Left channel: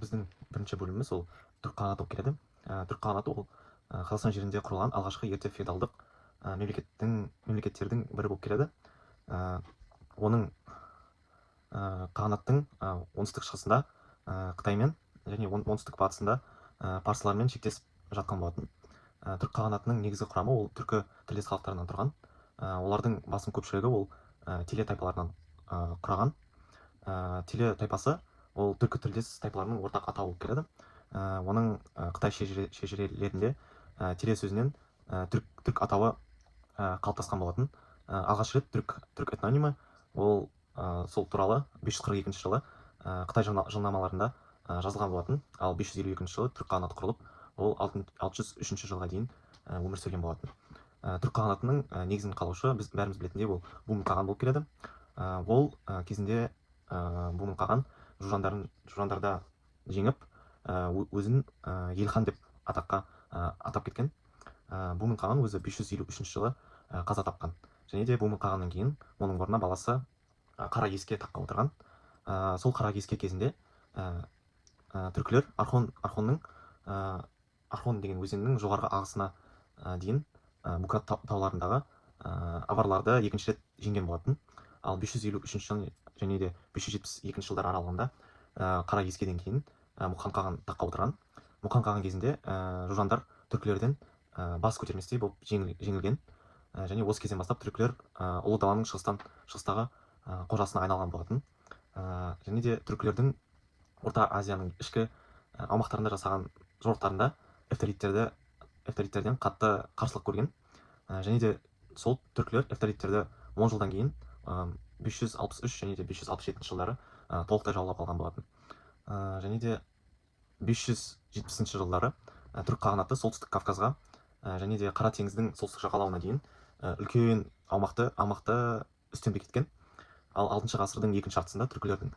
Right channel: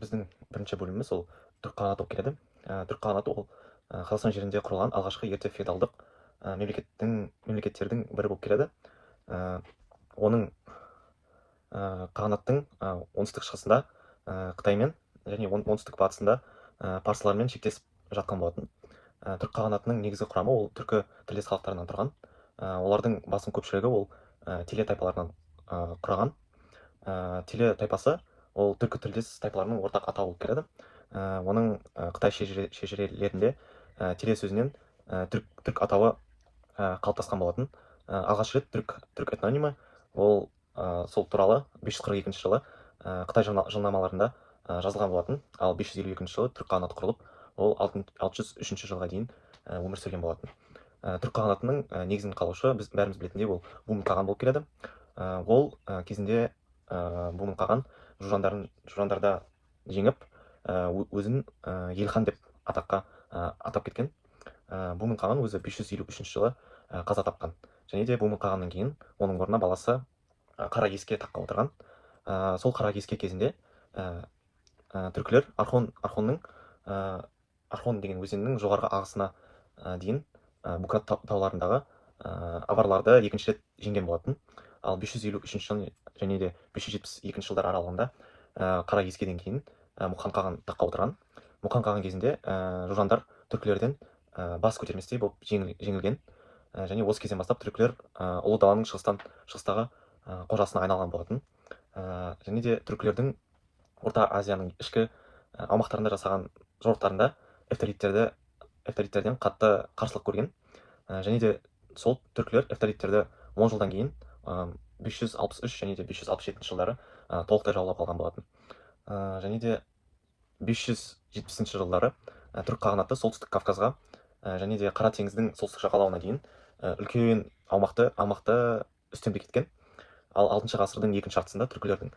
Біздің бірінші бөліміміз ол түрік қағанаты болып келеді. Түрік қағанаты ол Қазақстан жерінде құрылған алғашқы ерте феодалдық мемлекеттердің бірі болып келеді. Ә, оның қағанаттың оңтүстік шығысында Қытаймен және оңтүстік батысында парсылармен шектесіп жатқан болатын. Түрік қағанатының негізгі құрамы ол түркі тілдес халықтарынан тұрған. Олардың басым көпшілігі ол теле тайпаларынан құраған. Теле тайпасы ол түркі тілдес тайпаларының ортақ атауы болып келеді. Оның Қытай шежірелерінде теле сөзінен түрік атауы қалыптасқан болатын. Алғаш рет түрік этнонимі ол сол туралы 542 жылы Қытай жылнамаларында жазылған болатын. Ал 552 жылы түрік қағанаты құрылып, ол 603 жылға дейін өмір сүрген болатын. Түрік қағанатының негізін қалаушы біз бәріміз білетіндей ол бумын қаған болып келеді. Ол кезінде бумын қаған жужандарда жеңіп өзін елхан деп атап кеткен. Бумын қаған өзі 553 жылы қаза тапқан. Және де бумын қағаннан кейін оның орнына баласы қара кеске таққа отырған. Сол қара кеске кезінде түркілер Архон деген өзеннің жоғарғы ағысына дейін Букат тауларындағы аварларды екінші рет жеңген болатын. Ал 553 жыл және де 572 жылдар аралығында қара кескеден кейін Мұқан қаған таққа отырған. Мұқан қаған кезінде жужандар түркілерден бас көтерместей болып жеңілген. Және осы кезден бастап түркілер ұлы даланың шығыстағы қожасына айналған болатын. Және де түркілердің Орта Азияның ішкі аумақтарында жасаған жорықтарында эвталиттерден қатты қарсылық көрген. Және де сол түркілер эвталиттерді 10 жылдан кейін 563 және де 567 жылдары толықтай жаулап алған болатын. Және де 570 жылдары түрік қағанаты солтүстік Кавказға және де Қара теңіздің солтүстік жағалауына дейін үлкен аумақты үстемдік еткен. Ал 6 ғасырдың екінші жартысында түркілердің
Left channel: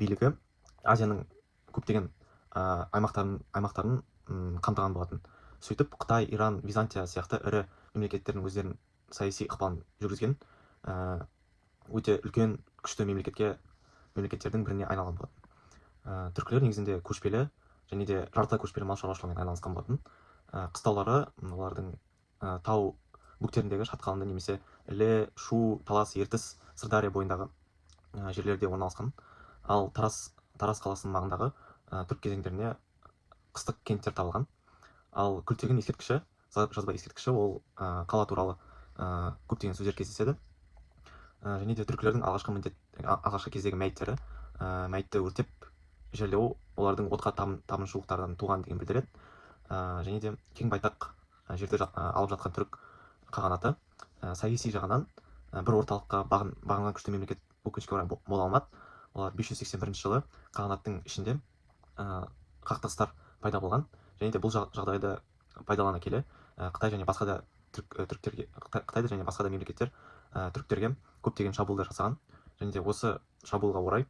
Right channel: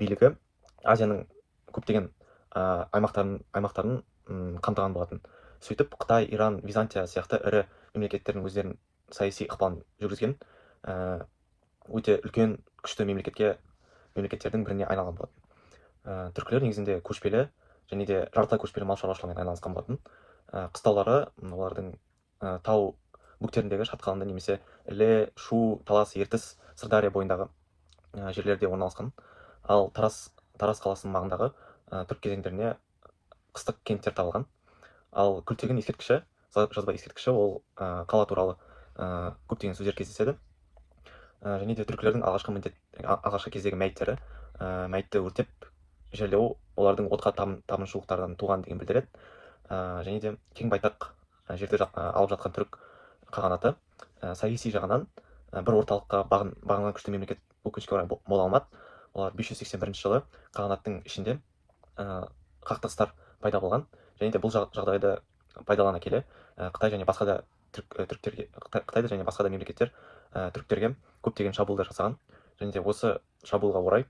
билігі Азияның көптеген аймақтарын қамтыған болатын. Сөйтіп Қытай, Иран, Византия сияқты ірі мемлекеттердің өздерінің саяси ықпалын жүргізген өте үлкен күшті мемлекеттердің біріне айналған болатын. Түркілер негізінде көшпелі және де жартылай көшпелі мал шаруашылығымен айналысқан болатын. Қыстаулары олардың тау бөктеріндегі шатқалында немесе Іле, Шу, Талас, Ертіс, Сырдария бойындағы жерлерде орналасқан. Ал Тараз қаласының маңындағы түрік кезеңдеріне қыстық кенттер табылған. Ал күлтегін ескерткіші, жазба ескерткіші ол қала туралы көптеген сөздер кездеседі. Және де түркілердің алғашқы кездегі мәйітті өртеп жерлеу олардың отқа табынушылықтардан туған деген білдіреді. Және де кең байтақ жерді алып жатқан түрік қағанаты саяси жағынан бір орталыққа бағынған күшті мемлекет өкінішке орай бола алмады. Олар 581 жылы қағанаттың ішінде қақтығыстар пайда болған. Және де бұл жағдайды пайдалана келе Қытай және басқа да мемлекеттер түріктерге көптеген шабуылдар жасаған. Және де осы шабуылға орай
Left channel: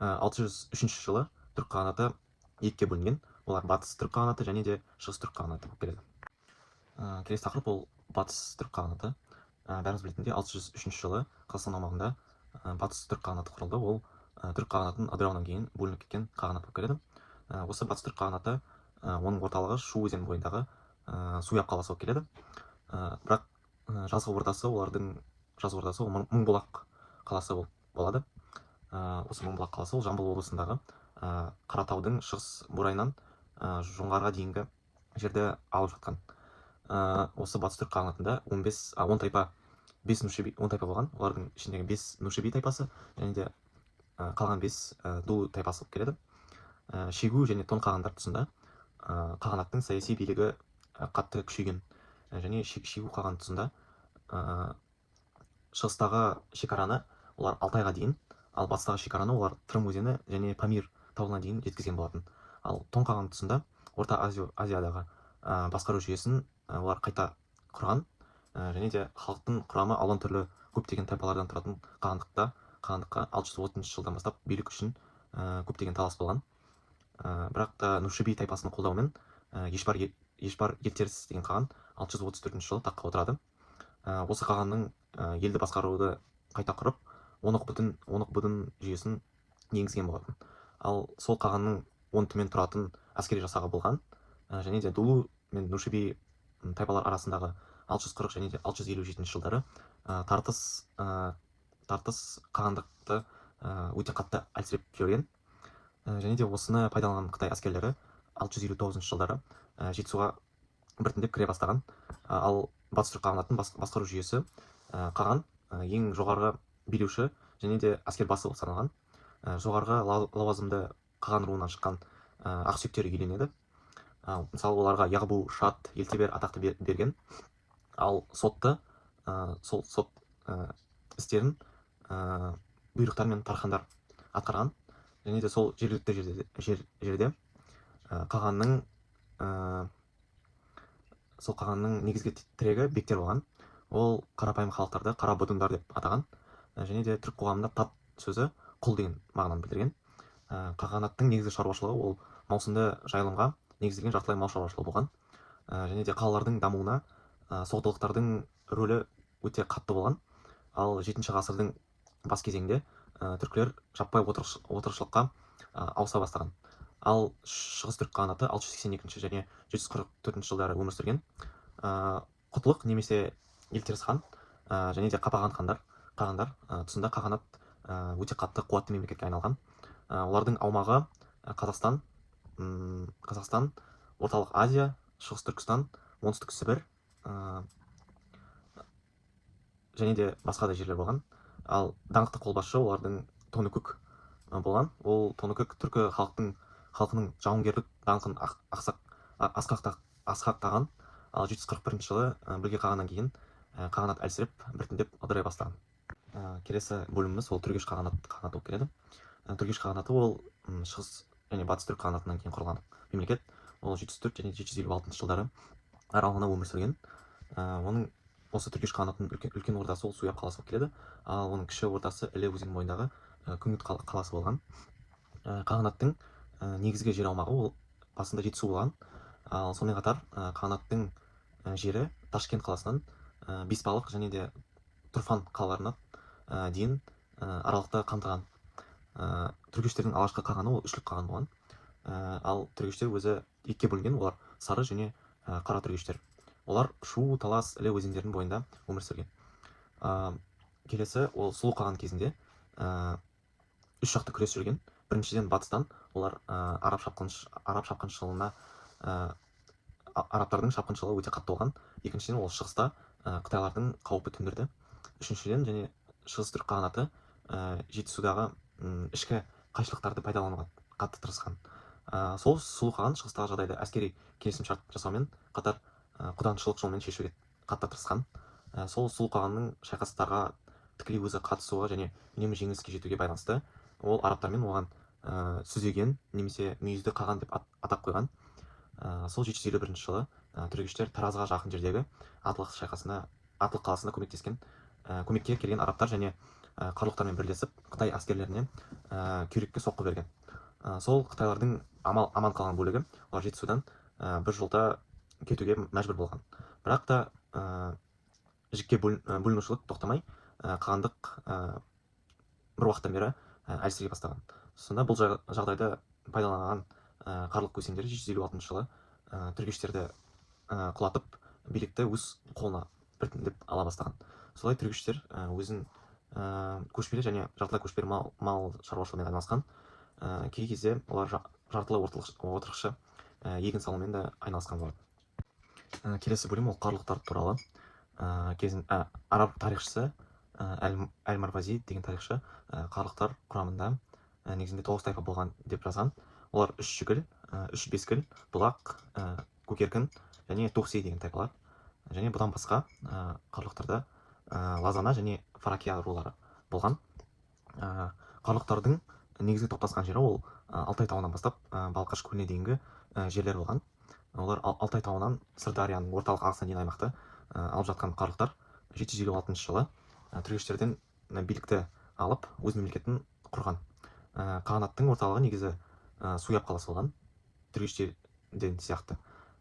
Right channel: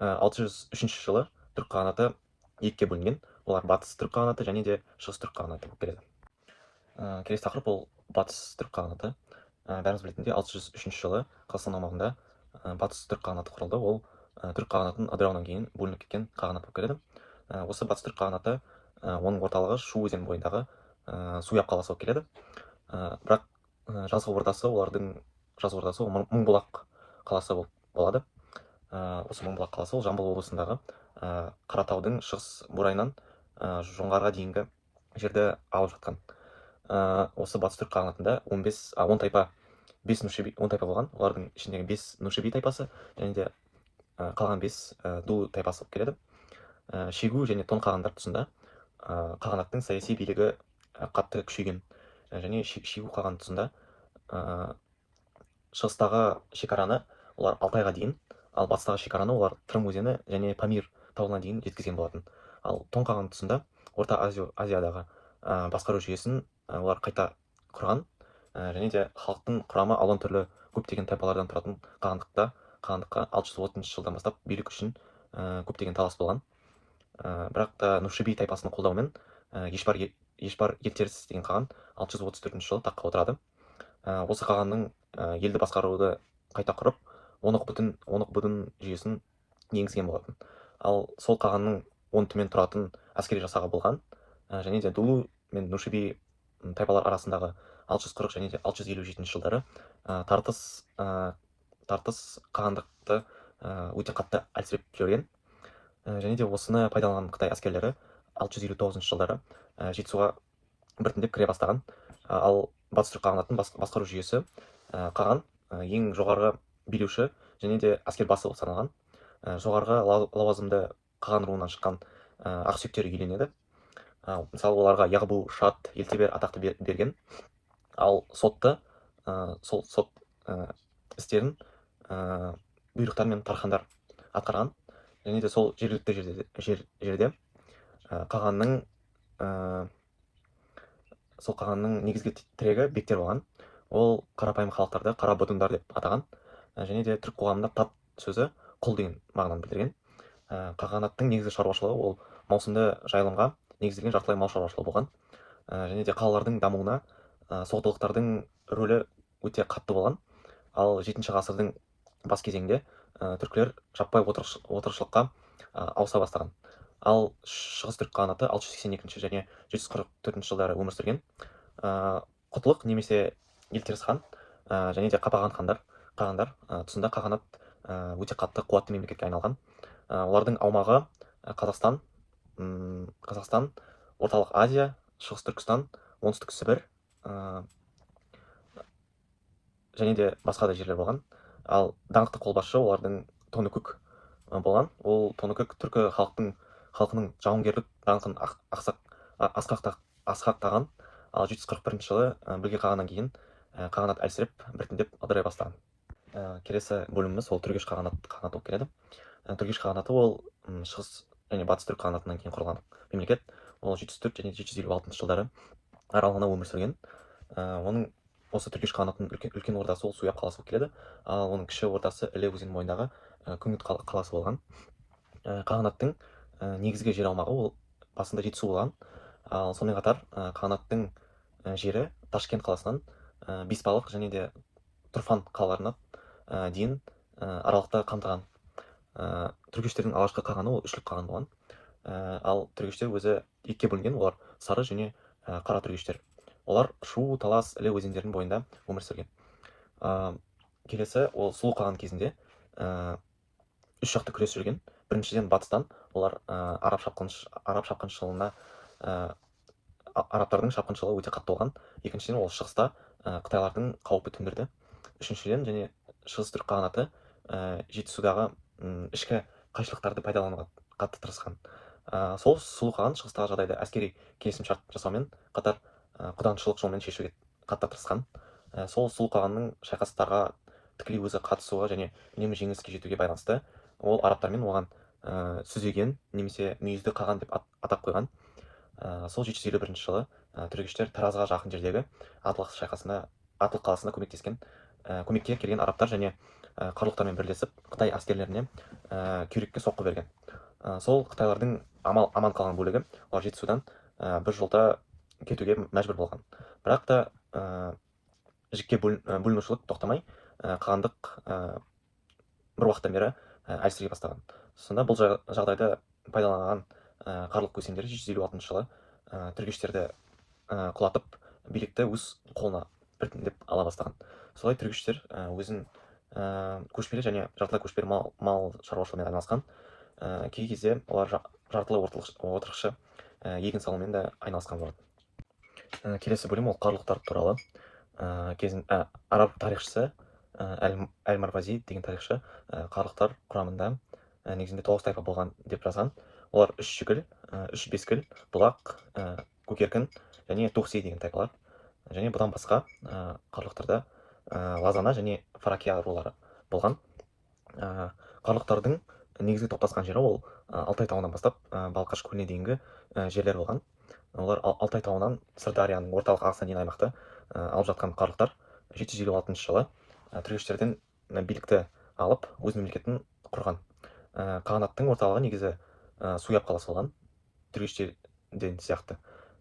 603 жылы түрік қағанаты екіге бөлінген. Олар батыс түрік қағанаты және де шығыс түрік қағанаты болып келеді. Келесі тақырып ол батыс түрік қағанаты. Бәріміз білетіндей 603 жылы Қазақстан аумағында батыс түрік қағанаты құрылды. Ол түрік қағанатын ыдырауынан кейін бөлініп кеткен қағанат болып келеді. Осы батыс түрік қағанаты оның орталығы Шу өзені бойындағы Суяб қаласы болып келеді. Бірақ жазғы ордасы ол Мыңбұлақ қаласы болады. Осы Мыңбұлақ қаласы ол Жамбыл облысындағы Қаратаудың шығыс бурайынан жоңғарға дейінгі жерді алып жатқан. Осы батыс түрік қағанатында 10 тайпа болған. Олардың ішіндегі 5 Нушеби тайпасы және де қалған 5 Ду тайпасы болып келеді. Шегу және Тон қағандар тұсында қағанаттың саяси билігі қатты күшейген. Және Шегу қаған тұсында шығыстағы шекараны олар Алтайға дейін, ал батыстағы шекараны олар Тырым өзені және Памир тауына дейін жеткізген болатын. Ал Тон қаған тұсында Орта Азиядағы басқару жүйесін олар қайта құрған. Және де халықтың құрамы алуан түрлі көптеген тайпалардан тұратын қағандыққа 630 жылдан бастап билік үшін көптеген талас болған. Бірақ та Нушеби тайпасының қолдауымен Ешбар Ертеріс деген қаған 634 жылы таққа отырады. Осы қағанның елді басқаруды қайта құрып, онық бұдын жүйесін енгізген болатын. Ал сол қағанның 10 түмен тұратын әскери жасағы болған. Және де Дулу мен Нушиби тайпалар арасындағы 640 және де 657 жылдары тартыс қағандықты өте қатты әлсіреп жіберген. Және де осыны пайдаланған Қытай әскерлері 659 жылдары жетісуға біртіндеп кіре бастаған. Ал батыс түрік қағанатының басқару жүйесі қаған ең жоғарғы билеуші және де әскер басы болып саналған. Жоғарғы лауазымды қаған руынан шыққан ақсүйектер иеленеді. Мысалы оларға Яғбу, Шат, Елтебер атақты берген. Ал сотты сол сот істерін бұйрықтар мен тархандар атқарған. Және де сол жергілікті жерде қағанның негізгі тірегі бектер болған. Ол қарапайым халықтарды қара бодундар деп атаған. Және де түрік қоғамында тат сөзі құл деген мағынаны білдірген. Қағанаттың негізгі шаруашылығы ол маусымды жайылымға негізделген жартылай мал шаруашылығы болған. Және де қалалардың дамуына соғдылықтардың рөлі өте қатты болған. Ал 7-ші ғасырдың бас кезеңде түркілер жаппай отырықшылыққа ауыса бастаған. Ал шығыс түрік қағанаты 682 және 744 жылдары өмір сүрген. Құтлық немесе Елтеріс хан және де қапаған қағандар тұсында қағанат өте қатты қуатты мемлекетке айналған. Олардың аумағы Қазақстан, орталық Азия, шығыс Түркістан, оңтүстік Сібір және де басқа да жерлер болған. Ал даңқты қолбасшы олардың Тоныкөк болған. Ол Тоныкөк түркі халқының жауынгерлік даңқын асқақтаған. Ал 741 жылы білге қағаннан кейін қағанат әлсіреп біртіндеп ыдырай бастаған. Келесі бөліміміз ол түргеш қағанаты болып келеді. Түргеш қағанаты ол шығыс және батыс түрік қағанатынан кейін құрылған мемлекет. Ол 704 және 756 жылдары аралығына өмір сүрген. Оның осы түргеш қағанатының үлкен ордасы ол Суяб қаласы болып келеді. Ал оның кіші ордасы Іле өзенінің бойындағы Күңгіт қаласы болған. Қағанаттың негізгі жер аумағы ол басында Жетісу болған. Ал сонымен қатар қағанаттың жері Ташкент қаласынан Бесбалық және де Тұрфан қалаларына дейін аралықты қамтыған. Түргештердің алғашқы қағаны ол үшлік қаған болған. Ал түргештер өзі екіге бөлінген, олар сары және қара түргештер. Олар Шу, Талас, Іле өзендерінің бойында өмір сүрген. Келесі ол Сұлу қаған кезінде үш жақты күрес жүрген. Біріншіден батыстан олар арабтардың шапқыншылығы өте қатты болған. Екіншіден ол шығыста қытайлардың қаупі төндірді. Үшіншіден және шығыс түрік қағанаты Жетісудағы ішкі қайшылықтарды пайдалануға қатты тырысқан. Сол Сұлу қаған шығыстағы жағдайды әскери келісімшарт жасаумен қатар құданшылық жолмен шешуге қатты тырысқан. Сол Сұлу қағанның шайқастарға тікелей өзі қатысуға және үнемі жеңіске жетуге байланысты ол арабтармен оған сүзеген немесе мүйізді қаған деп атап қойған. Сол 751 жылы түргештер Таразға жақын жердегі Атлық қаласына көмекке келген арабтар және қарлұқтармен бірлесіп Қытай әскерлеріне күйрекке соққы берген. Сол қытайлардың аман қалған бөлігі олар Жетісудан бір жолда кетуге мәжбүр болған. Бірақ та жікке бөлінушілік тоқтамай қағандық бір уақыттан бері әлсірей бастаған. Сонда бұл жағдайды пайдаланған қарлық көсемдері 756 жылы түргештерді құлатып билікті өз қолына біртіндеп ала бастаған. Солай түргештер өзін көшпелі және жартылай көшпелі мал шаруашылығымен айналысқан. Кей кезде олар жартылай отырықшы егін салумен де айналысқан болады. Келесі бөлім ол қарлықтар туралы. Араб тарихшысы Әл-Марвази деген тарихшы қарлықтар құрамында негізінде 9 тайпа болған деп жазған. Олар үш жүгіл, үш бескіл, бұлақ, көкеркін және Тухси деген тайпалар. Және бұдан басқа қарлықтарда Лазана және Фаракия рулары болған. Қарлықтардың негізгі топтасқан жері ол Алтай тауынан бастап Балқаш көліне дейінгі жерлер болған. Олар Алтай тауынан Сырдарияның орталық ағысына дейін аймақты алып жатқан қарлықтар 756 жылы түргештерден билікті алып өз мемлекетін құрған. Қағанаттың орталығы негізі Суяб қаласы болған, түргештерден сияқты.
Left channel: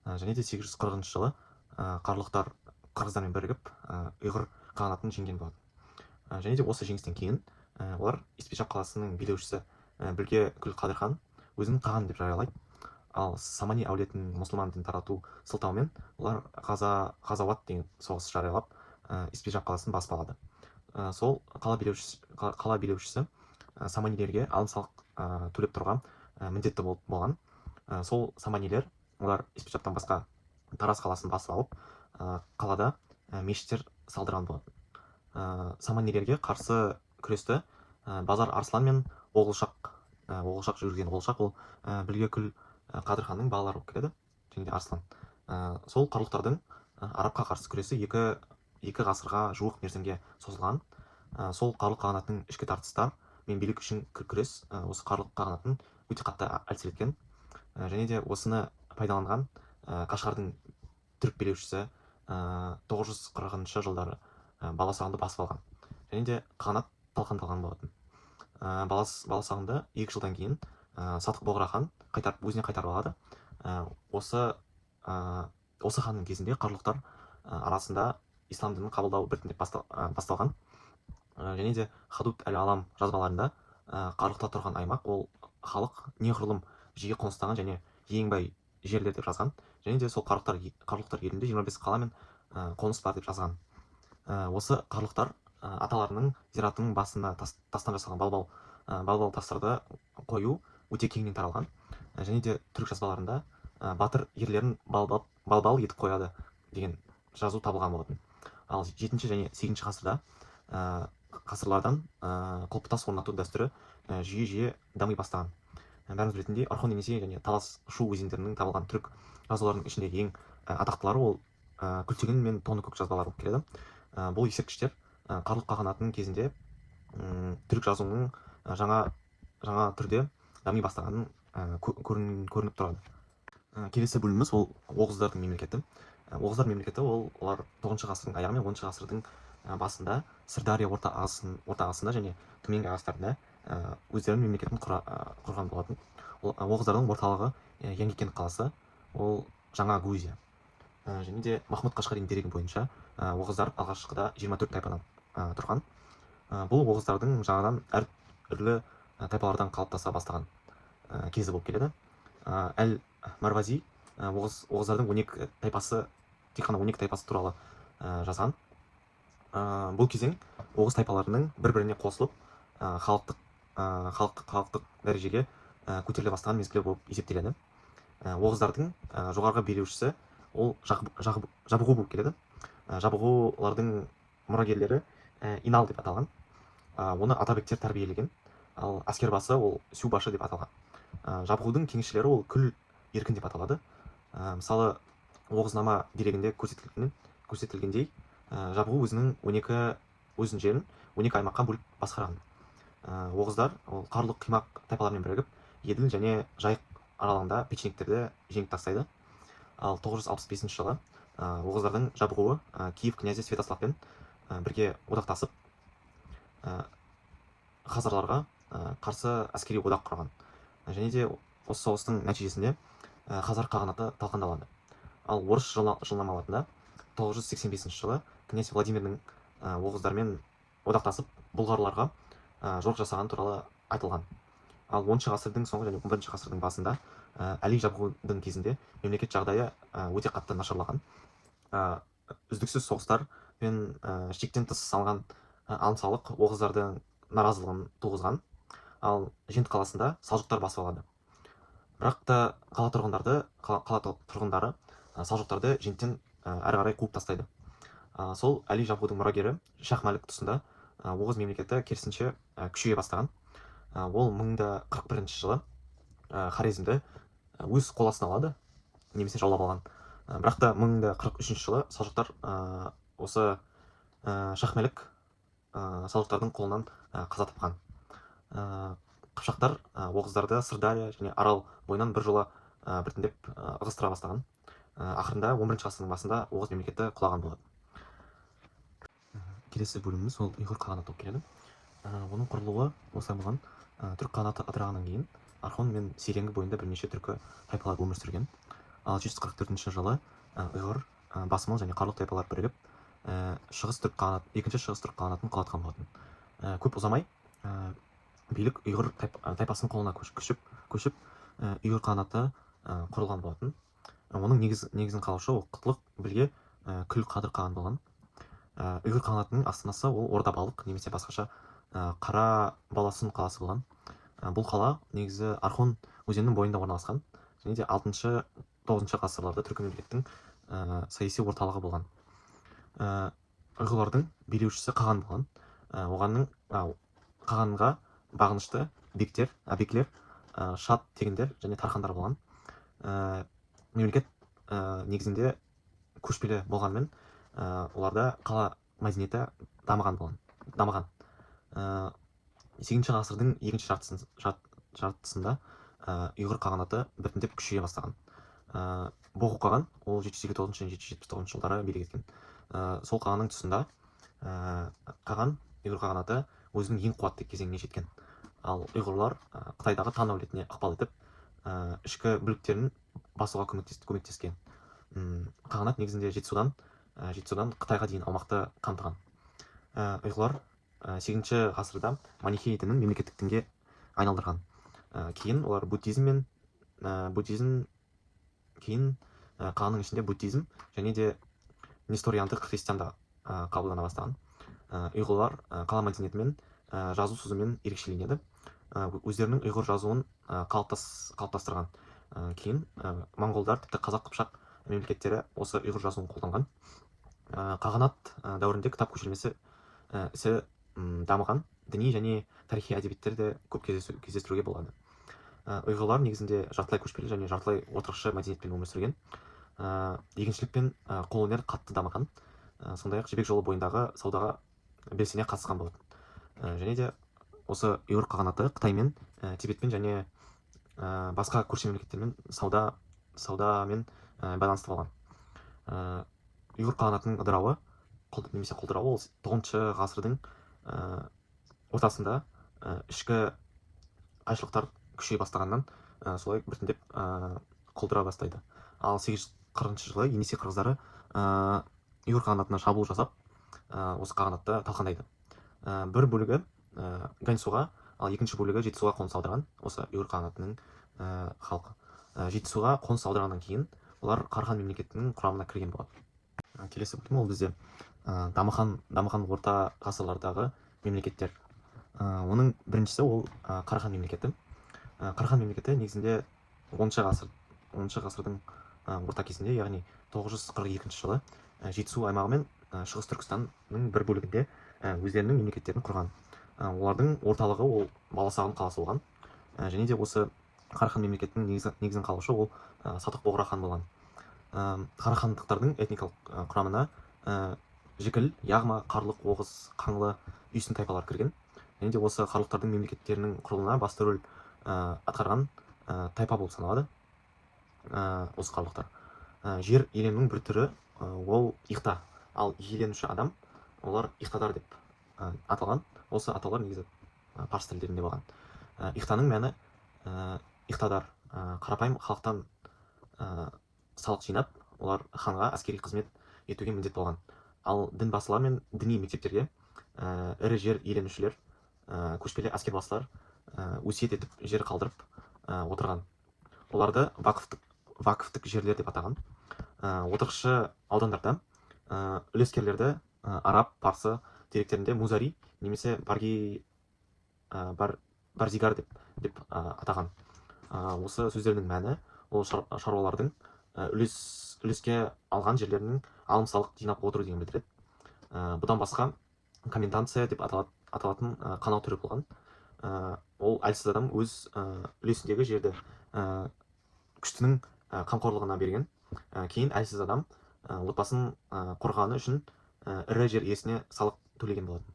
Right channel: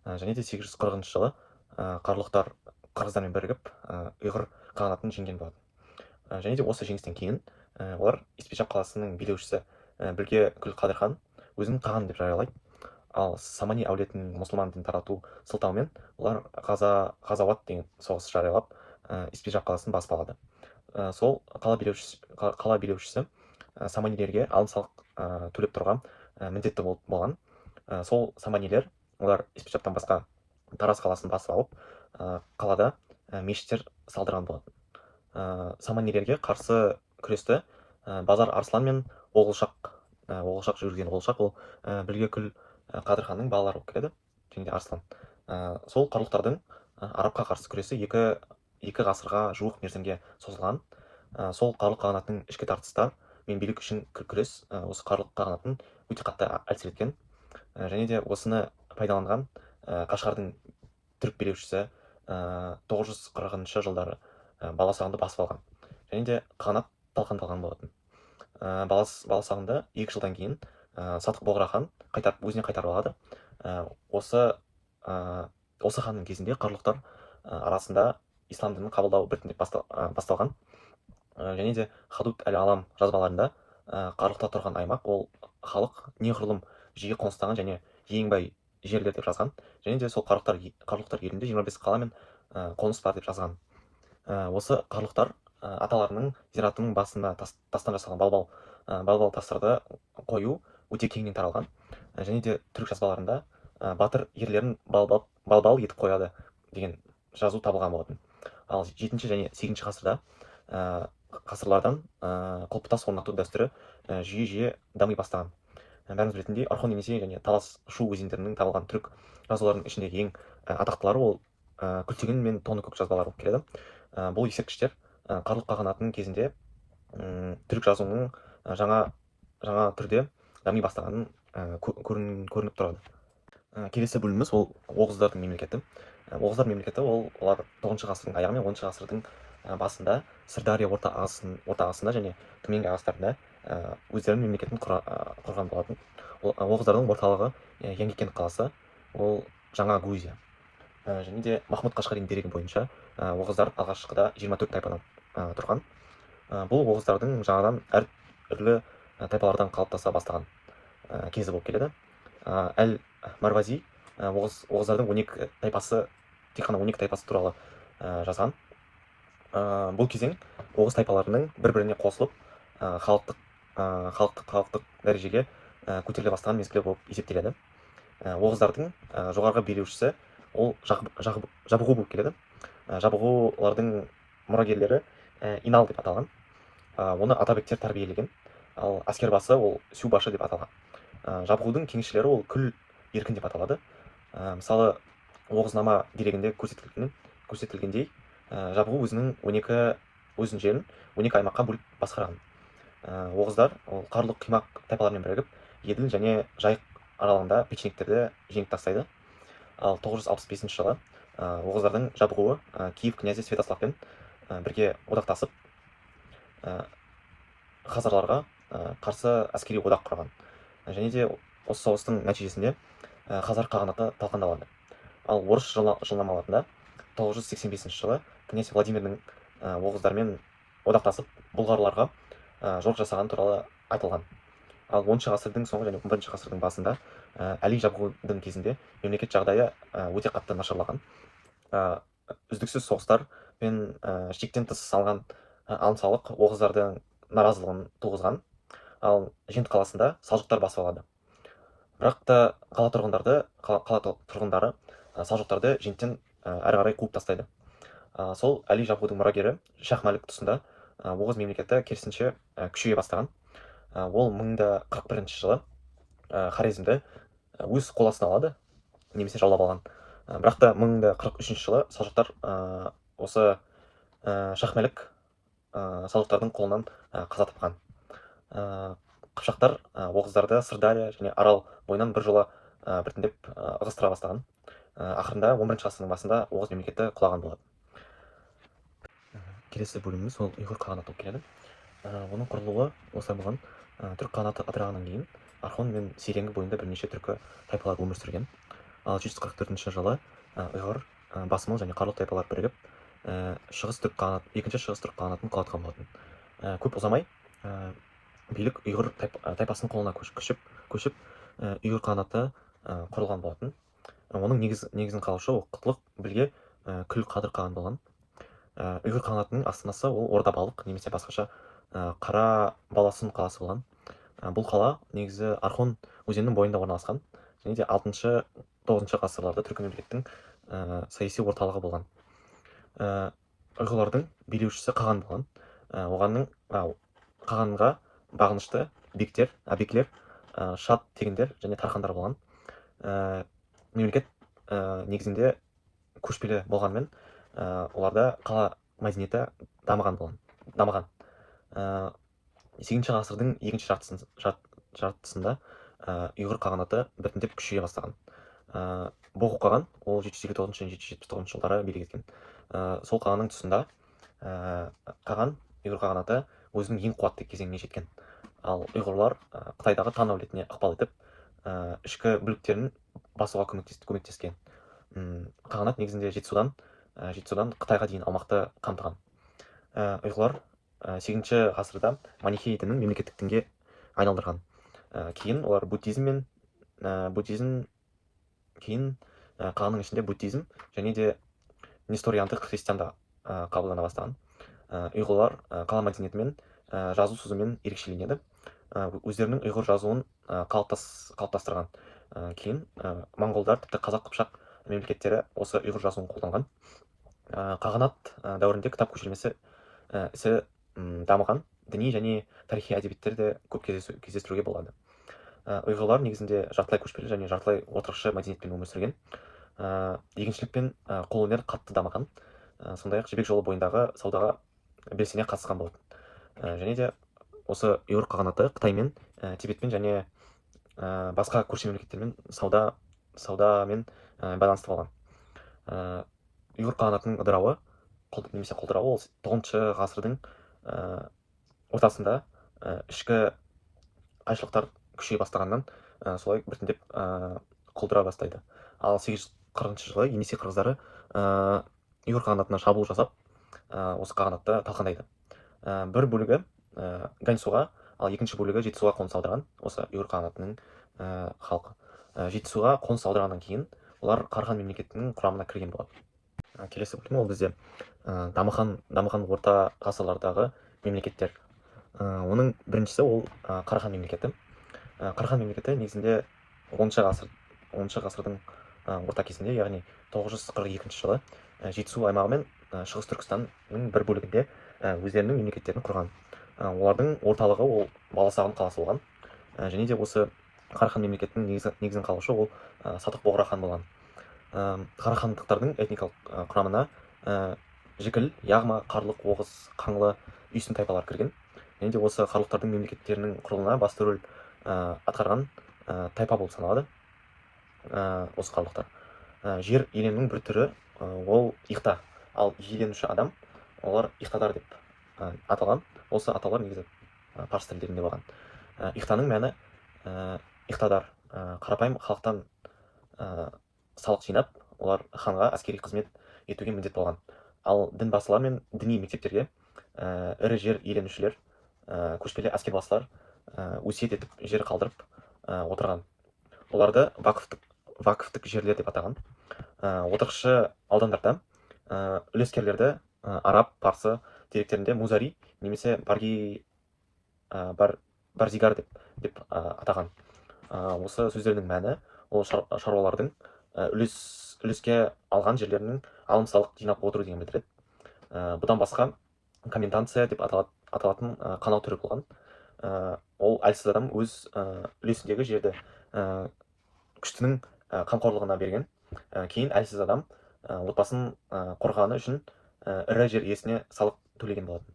Және де 840 жылы қарлықтар қырғыздармен бірігіп ұйғыр қағанатын жеңген болатын. Және де осы жеңістен кейін олар Испечак қаласының билеушісі Білге Күл Қадырхан өзін қан деп жариялайды. Ал самани әулетінің мұсылман дінін тарату сылтауымен олар ғазауат деген соғыс жариялап испижаб қаласын басып алады. Сол қала билеушісі саманилерге алым салық төлеп тұрған міндетті болған. Сол саманилер олар испижабтан басқа Тарас қаласын басып алып, қалада мешіттер салдырған болатын. Саманилерге қарсы күресті Базар Арслан мен Оғылшақ жүрген. Оғылшақ ол Білгекүл Қадырханның балалары болып келеді, және де Арслан. Сол қарлықтардың арабқа қарсы күресі екі ғасырға жуық мерзімге созылған. Сол қарлық қағанаттың ішкі тартыстар мен билік үшін күрес осы қарлық қағанатын өте қатты әлсіреткен. Және де осыны пайдаланған Қашғардың түрік билеушісі 940 жылдары баласағынды басып алған. Және де қағанат талқандалған болатын. Баласағынды 2 жылдан кейін Садық Боғра хан өзіне қайтарып алады. Осы ханның кезінде қарлықтар арасында ислам дінін қабылдау біртіндеп басталған. Және де Хадут әл-Алам жазбаларында қарлықта тұрған аймақ ол халық неғұрлым жиі қоныстаған және ең бай жерлер деп жазған. Және де сол қарлықтар елінде 25 қала мен қоныс бар деп жазған. Осы қарлықтар аталарының зиратының басында тастан жасалған балбал тастарды қою өте кеңінен таралған. Және де түрік жазбаларында батыр ерлерін балбал етіп қояды деген жазу табылған болатын. Ал 7 және 8 ғасырлардан құлпытас орнату дәстүрі жиі дами бастаған. Бәріңіз білетіндей, Орхон Енисей және Талас Шу өзендерінің табылған түрік жазуларының ішіндегі ең атақтылары ол Күлтеген мен Тоныкөк жазбалары болып келеді. Бұл ескерткіштер қарлық қағанатының кезінде түрік жазуының жаңа түрде дами бастағанын көрініп тұрады. Келесі бөліміміз ол Оғыздардың мемлекеті. Оғыздар мемлекеті олар 9 ғасырдың аяғы мен 10 ғасырдың басында Сырдария орта ағысында және төменгі ағыстарында өздерінің мемлекетін құрған болатын. Оғыздардың орталығы Яңгекент қаласы, ол Жаңа Грузия. Және де Махмұд Қашқарин дерегі бойынша Оғыздар алғашқыда 24 тайпадан тұрған. Бұл Оғыздардың жаңадан әртүрлі тайпалардан қалыптаса бастаған кезі болып келеді. Әл-Марвази Оғыздардың 12 тайпасы, тек қана 12 тайпасы туралы жазған. Бұл кезең Оғыз тайпаларының бір-біріне қосылып халықтық дәрежеге көтеріле бастаған мезгілі болып есептеледі. Оғыздардың жоғарғы билеушісі ол Жабғу болып келеді. Жабғулардың мұрагерлері Инал деп аталған. Оны атабектер тәрбиелеген. Ал әскербасы ол Сюбашы деп аталған. Жабғудың кеңесшілері ол Күл Еркін деп аталады. Мысалы, Оғызнама дерегінде көрсетілгендей, Жабғу өзінің 12 жерін 12 аймаққа бөліп басқарған. Оғыздар қарлық қимақ тайпалармен бірігіп, Еділ және Жайық аралығында печенектерді жеңіп тастайды. Ал 965 жылы Оғыздардың Жабғуы Киев князі Святославпен бірге одақтасып, хазарларға қарсы әскери одақ құрған. Және де осы соғыстың нәтижесінде Хазар қағанаты талқандалады. Ал орыс жылнамаларында 985 жылы князь Владимирдің Оғыздармен одақтасып, бұлғарларға жорық жасаған туралы айтылған. Ал 10 ғасырдың соңы және 11 ғасырдың басында Әли Жабғудың кезінде мемлекет жағдайы өте қатты нашарлаған. Үздіксіз соғыстар мен шектен тыс салған алым салық Оғыздардың наразылығын туғызған. Ал Жент қаласында салжұқтар басып алады. Бірақ та қала тұрғындары салжұқтарды Женттен әрі қарай қуып тастайды. Сол Әли Жабғудың мұрагері Шах-Мәлік тұсында Оғыз мемлекеті керісінше күшейе бастаған. Ол 1041 жылы Хорезмді өз қол астына алады, немесе жаулап алған. Бірақ та 1043 жылы салжұқтар осы Шах-Мәлік салжұқтардың қолынан қаза тапқан. Қыпшақтар Оғыздарды Сырдария және Арал бойынан бір жола біртіндеп ығыстыра бастаған. Ақырында 11 ғасырдың басында Оғыз мемлекеті құлаған болады. Келесі бөліміміз ол ұйғыр қағанаты болып келеді. Оның құрылуы осылай болған. Түрік қағанаты ыдырағаннан кейін Орхон мен Серенгі бойында бірнеше түркі тайпалар өмір сүрген. Ал 744 жылы ұйғыр, басмал және қарлық тайпалар бірігіп, екінші шығыс түрік қағанатын құлатқан болатын. Көп ұзамай билік ұйғыр тайпасының қолына көшіп, ұйғыр қағанаты құрылған болатын. Оның негізін қалаушы ол Құтлық Білге Күл Қадыр қаған болған. Ұйғыр қағанатының астанасы ол Ордабалық немесе басқаша Қара Баласын қаласы болған. Бұл қала негізі Архон өзенінің бойында орналасқан және де 6-9 ғасырларда түркі мемлекеттің саяси орталығы болған. Ұйғырлардың билеушісі Қаған болған. Қағанға бағынышты бекілер, шат тегіндер және тархандар болған. Мемлекет негізінде көшпелі болғанмен, оларда қала мәдениеті дамыған. 8 ғасырдың екінші жартысында ұйғыр қағанаты біртіндеп күшейе бастаған. Боғу қаған ол 759 және 779 жылдары билік еткен. Сол қағанның тұсында ұйғыр қағанаты өзінің ең қуатты кезеңіне жеткен. Ал ұйғырлар Қытайдағы Тан әулетіне ықпал етіп, ішкі бүліктерін басуға көмектескен. Қағанат негізінде Жетісудан Қытайға дейін аумақты қамтыған. Ұйғырлар 8 ғасырда манихей дінін мемлекеттік дінге айналдырған. Кейін олар кейін қағанның ішінде буддизм және де несториандық христианда қабылдана бастаған. Ұйғырлар қала мәдениетімен, жазу сөзімен ерекшеленеді. Өздерінің ұйғыр жазуын қалыптастырған. Кейін моңғолдар, тіпті қазақ қыпшақ мемлекеттері осы ұйғыр жазуын қолданған. Қағанат дәуірінде кітап көшірмесі ісі дамыған, діни және тарихи әдебиеттерді көп кездестіруге болады. Ұйғырлар негізінде жартылай көшпелі және жартылай отырықшы мәдениетпен өмір сүрген. Егіншілік пен қолөнер қатты дамыған. Сондай-ақ Жібек жолы бойындағы саудаға белсене қатысқан болатын. Және де осы ұйғыр қағанаты Қытаймен, Тибетпен және басқа көрші мемлекеттермен саудамен байланысты болған. Ұйғыр қағанатының ыдырауы немесе құлдырауы ол 9 ғасырдың ортасында ішкі қайшылықтар күшейе бастағаннан солай біртіндеп құлдыра бастайды. Ал 840 жылы Енесей қырғыздары ұйғыр қағанатына шабуыл жасап, осы қағанатты талқандайды. Бір бөлігі Ганьсуға, ал екінші бөлігі Жетісуға қоныс аударған осы ұйғыр қағанатының халқы. Жетісуға қоныс аударғаннан кейін олар Қарахан мемлекетінің құрамына кірген болады. Келесі бөлім ол бізде дамыған орта ғасырлардағы мемлекеттер. Оның біріншісі ол Қарахан мемлекеті. Қарахан мемлекеті негізінде 10 ғасырдың орта кезінде, яғни 942 жылы Жетісу аймағы мен Шығыс Түркістанның бір бөлігінде өздерінің мемлекеттерін құрған. Олардың орталығы ол Баласағұн қаласы болған. Және де осы Қарахан мемлекетінің негізін қалаушы ол Сатық Боғра хан болған. Қарахандықтардың этникалық құрамына Жікіл, Яғма, Қарлық, Оғыз, Қаңлы, Үйсін тайпалар кірген. Және де осы қарлықтардың мемлекеттерінің құрылуына басты рөл атқарған тайпа болып саналады осы қарлықтар. Жер иеленуінің бір түрі ол иқта, ал иеленуші адам олар иқтадар деп аталған. Осы атаулар негізі парсы тілдерінде болған. Иқтаның мәні иқтадар, қарапайым халықтан салық жинап, олар ханға әскери қызмет етуге міндет болған. Ал дінбасылар мен діни мектептерге ірі жер иеленушілер, көшпелі әскербасылар өсиет етіп жер қалдырып отырған. Оларды вакыфтық жерлер деп атаған. Отырықшы аудандарда үлескерлерді араб, парсы деректерінде музари немесе барзигар деп атаған. Осы сөздердің мәні ол шаруалардың үлеске алған жерлерінің алым-салық жинап отыру деген білдіреді. Бұдан басқа комендация деп аталатын қанау түрі болған. Ол әлсіз адам өз үлесіндегі жерді күштінің қамқорлығына берген. Кейін әлсіз адам отбасын қорғағаны үшін ірі жер иесіне салық төлеген болатын.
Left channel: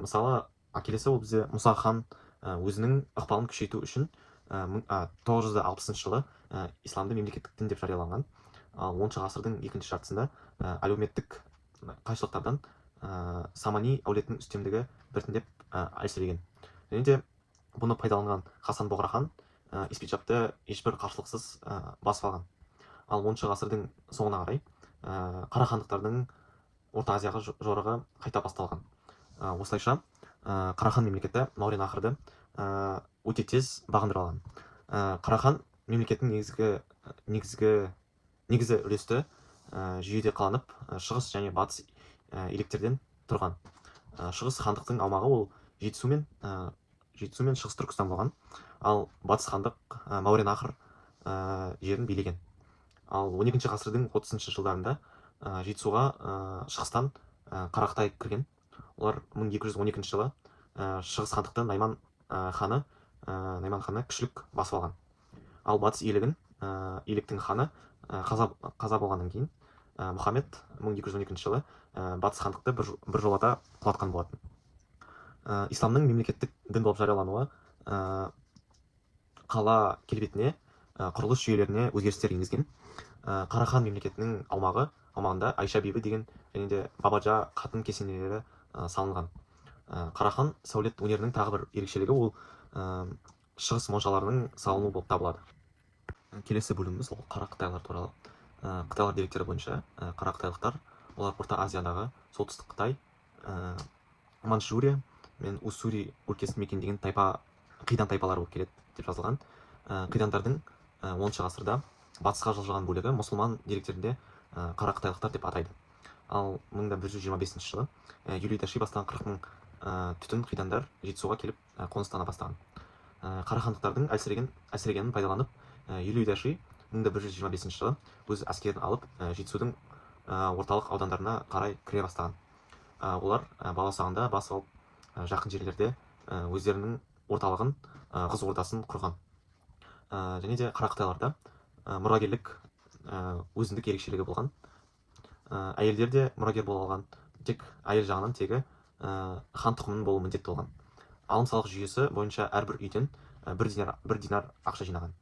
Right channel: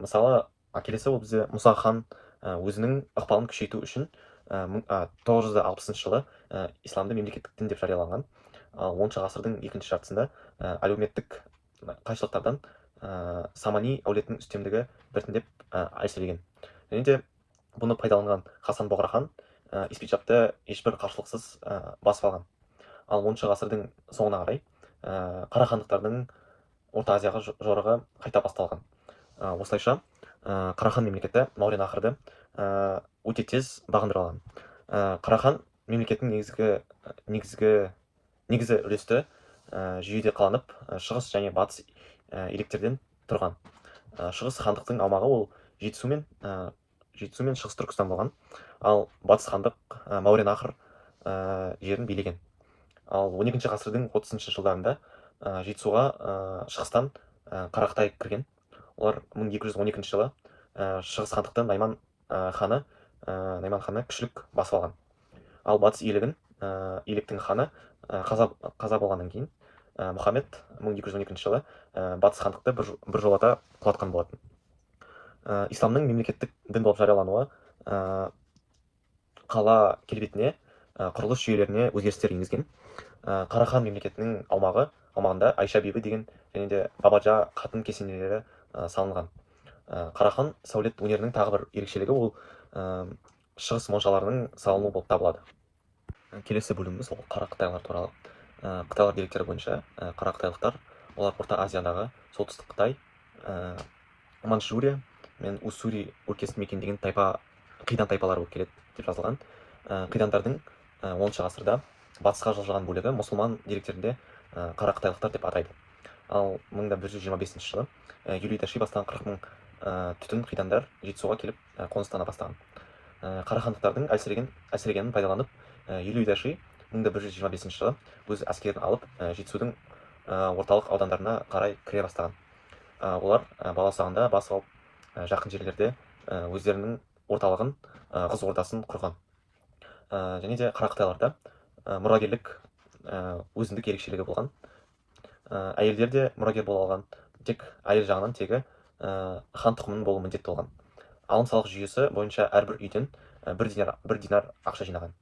Мысалы, келесі ол бізде Мұса хан өзінің ықпалын күшейту үшін 960 жылы исламды мемлекеттік дін деп жарияланған. 10 ғасырдың екінші жартысында әлеуметтік қайшылықтардан Самани әулетінің үстемдігі біртіндеп әлсіреген. Және де бұны пайдаланған Хасан Боғра хан Испиджапты ешбір қарсылықсыз басып алған. Ал 10 ғасырдың соңына қарай Қарахандықтардың Орта Азияға жорығы қайта басталған. Осылайша Қарахан мемлекеті мауреннахрды өте тез бағындыра алған. Қарахан мемлекеттің негізі үлесті жүйеде қаланып, шығыс және батыс иеліктерден тұрған. Шығыс хандықтың аумағы ол жетісу мен шығыс түркістан болған, ал батыс хандық мауреннахр жерін билеген. Ал 12 ғасырдың 30 жылдарында жетісуға шығыстан қарақтай кірген. Олар 1212 жылы шығыс хандықты найман ханы күшілік басып алған. Ал батыс иеліктің ханы қаза болғаннан кейін Мұхаммед 1212 жылы батыс хандықты біржолата құлатқан болатын. Исламның мемлекеттік дін болып жариялануы қала келбетіне, құрылыс жүйелеріне өзгерістер енгізген. Қарахан мемлекетінің аумағында Айша бибі деген және де Бабаджа қатын кесенелері салынған. Қарахан сәулет өнерінің тағы бір ерекшелігі ол шығыс моншаларының салынуы болып табылады. Келесі бөліміміз ол қара қытайлар туралы. Қытайлар деректері бойынша қара қытайлықтар олар Орта Азиядағы солтүстік Қытай, Манчжурия мен Уссури өлкесін мекендеген қидан тайпалары болып келеді деп жазылған. Қидандардың 10 ғасырда батысқа жылжыған бөлігі мұсылман деректерінде қара қытайлықтар деп атайды. Ал 1125 жылы Юлий Даши бастаған 40 мың түтін қидандар жетісуға келіп қоныстана бастаған. Қарахандықтардың әлсірегенін пайдаланып, Юлий Даши 1125 жылы өз әскерін алып жетісудың орталық аудандарына қарай кіре бастаған. Олар баласағында басып алып, жақын жерлерде өздерінің орталығын, Қыз ордасын құрған. Және де қара қытайларда мұрагерлік өзіндік ерекшелігі болған. Әйелдер де мұрагер бола алған, тек әйел жағынан тегі хан тұқымының болу міндетті болған. Алым салық жүйесі бойынша әрбір үйден бір динар ақша жинаған.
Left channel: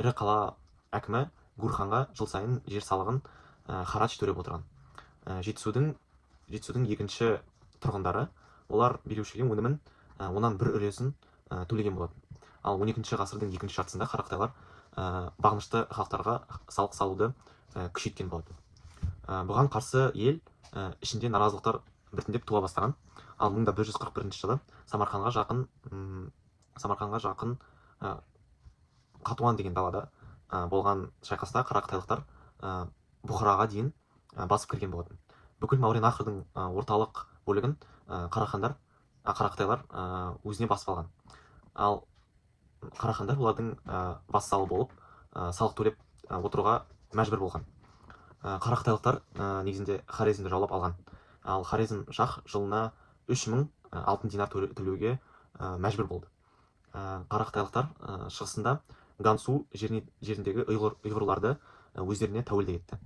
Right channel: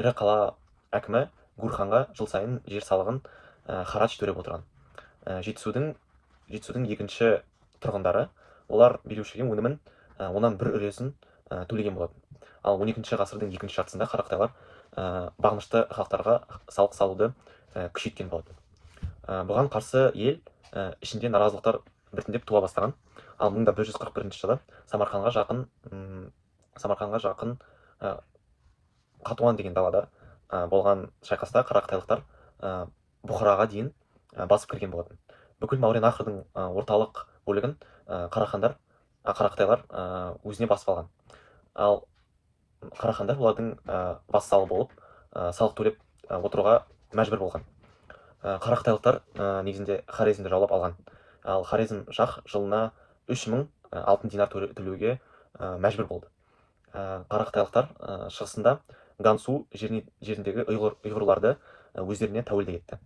Ірі қала әкімі Гурханға жыл сайын жер салығын харадж төлеп отырған. Жетісудың екінші тұрғындары олар билеушіге өнімін онан бір үлесін төлеген болатын. Ал 12 ғасырдың екінші жартысында қара қытайлар бағынышты халықтарға салық салуды күшейткен болатын. Бұған қарсы ел ішінде наразылықтар біртіндеп туа бастаған. Ал 1141 жылы Самарқанға жақын Қатуан деген далада болған шайқаста қара қытайлықтар Бұхараға дейін басып кірген болатын. Бүкіл мауреннахрдың орталық бөлігін қара қытайлар өзіне басып алған. Ал қарахандар олардың вассалы болып салық төлеп отыруға мәжбүр болған. Қара қытайлықтар негізінде Хорезмді жаулап алған. Ал Хорезм шах жылына 3000 алтын динар төлеуге мәжбүр болды. Қара қытайлықтар шығысында Гансу жеріндегі ұйғырларды өздеріне тәуелді етті.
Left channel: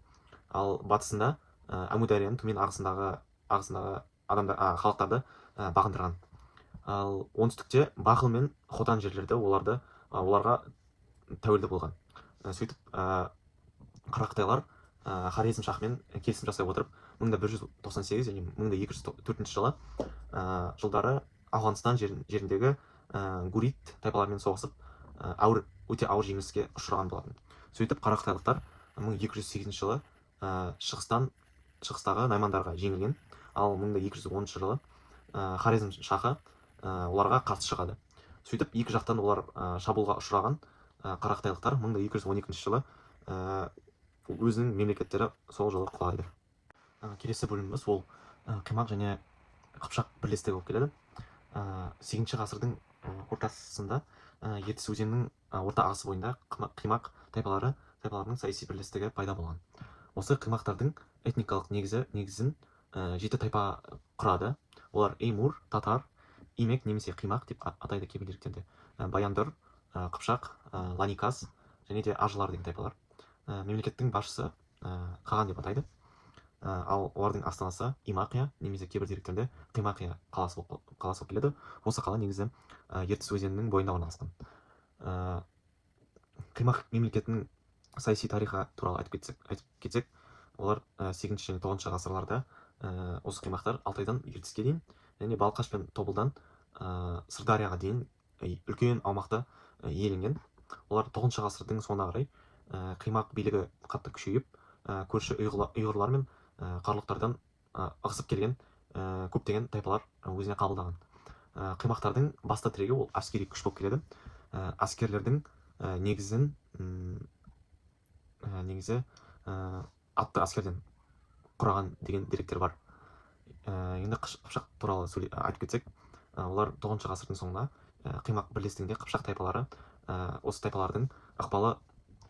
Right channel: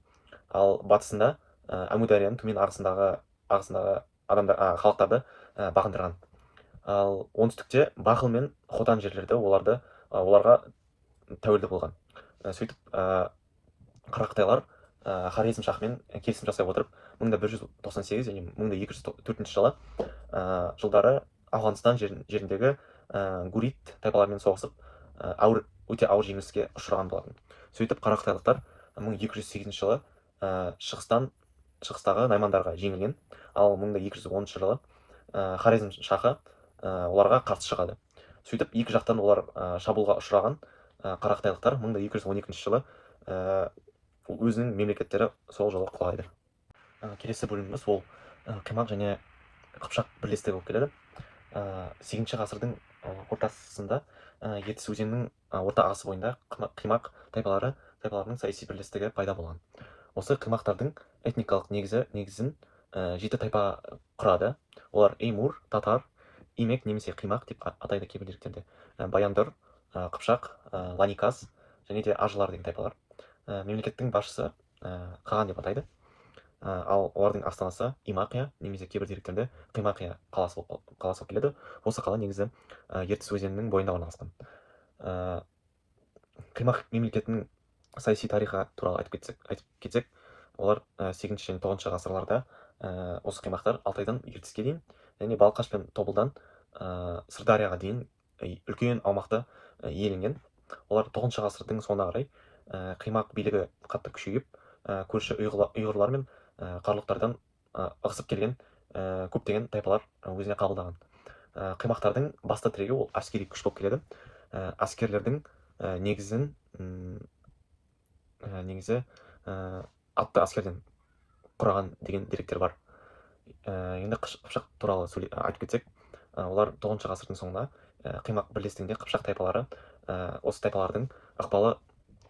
Ал батысында Әмударияның төмен ағысындағы халықтарды бағындырған. Ал оңтүстікте Бахыл мен Хотан жерлерді оларға тәуелді болған. Сөйтіп қара қытайлар Хорезм шахымен келісім жасай отырып 1198 және 1204 жылдары Ауғанстан жеріндегі Гурит тайпаларымен соғысып өте ауыр жеңіліске ұшыраған болатын. Сөйтіп қара қытайлықтар 1208 жылы шығыстағы наймандарға жеңілген. Ал 1210 жылы Хорезм шахы оларға қарсы шығады. Сөйтіп екі жақтан олар шабуылға ұшыраған қара қытайлықтар 1212 жылы өзінің мемлекеттері сол жылы құлайды. Келесі бөліміміз ол қимақ және қыпшақ бірлестігі болып келеді. 8 ғасырдың ортасында Ертіс өзенінің орта ағысы бойында қимақ тайпаларының саяси бірлестігі пайда болған. Осы қимақтардың этникалық негізін 7 тайпа құрады. Олар Эймур, татар, имек немесе қимақ деп атайды кейбір деректерде. Баяндыр, қыпшақ, ланиказ және де ажылар деген тайпалар. Мемлекеттің басшысы қаған деп атайды. Ал олардың астанасы Имақия немесе кейбір деректерде Қимақия қаласы болып келеді. Осы қала негізі Ертіс өзенінің бойында орналасқан. Қимақ мемлекетінің саяси тарихы туралы айтып кетсек, олар 8 және 9 ғасырларда осы қимақтар Алтайдан Ертіске дейін және Балқаш пен Тобылдан Сырдарияға дейін үлкен аумақты иеленген. Олар 9 ғасырдың соңына қарай қимақ билігі қатты күшейіп, көрші ұйғырлар мен қарлұқтардан ығысып келген көптеген тайпалар өзіне қабылдаған. Қимақтардың басты тірегі ол әскери күш болып келеді. Әскерлердің негізі атты әскерден құраған деген деректер бар. Енді қыпшақ туралы айтып кетсек, олар 9 ғасырдың соңында қимақ бірлестігінде қыпшақ тайпалары, осы тайпалардың ықпалы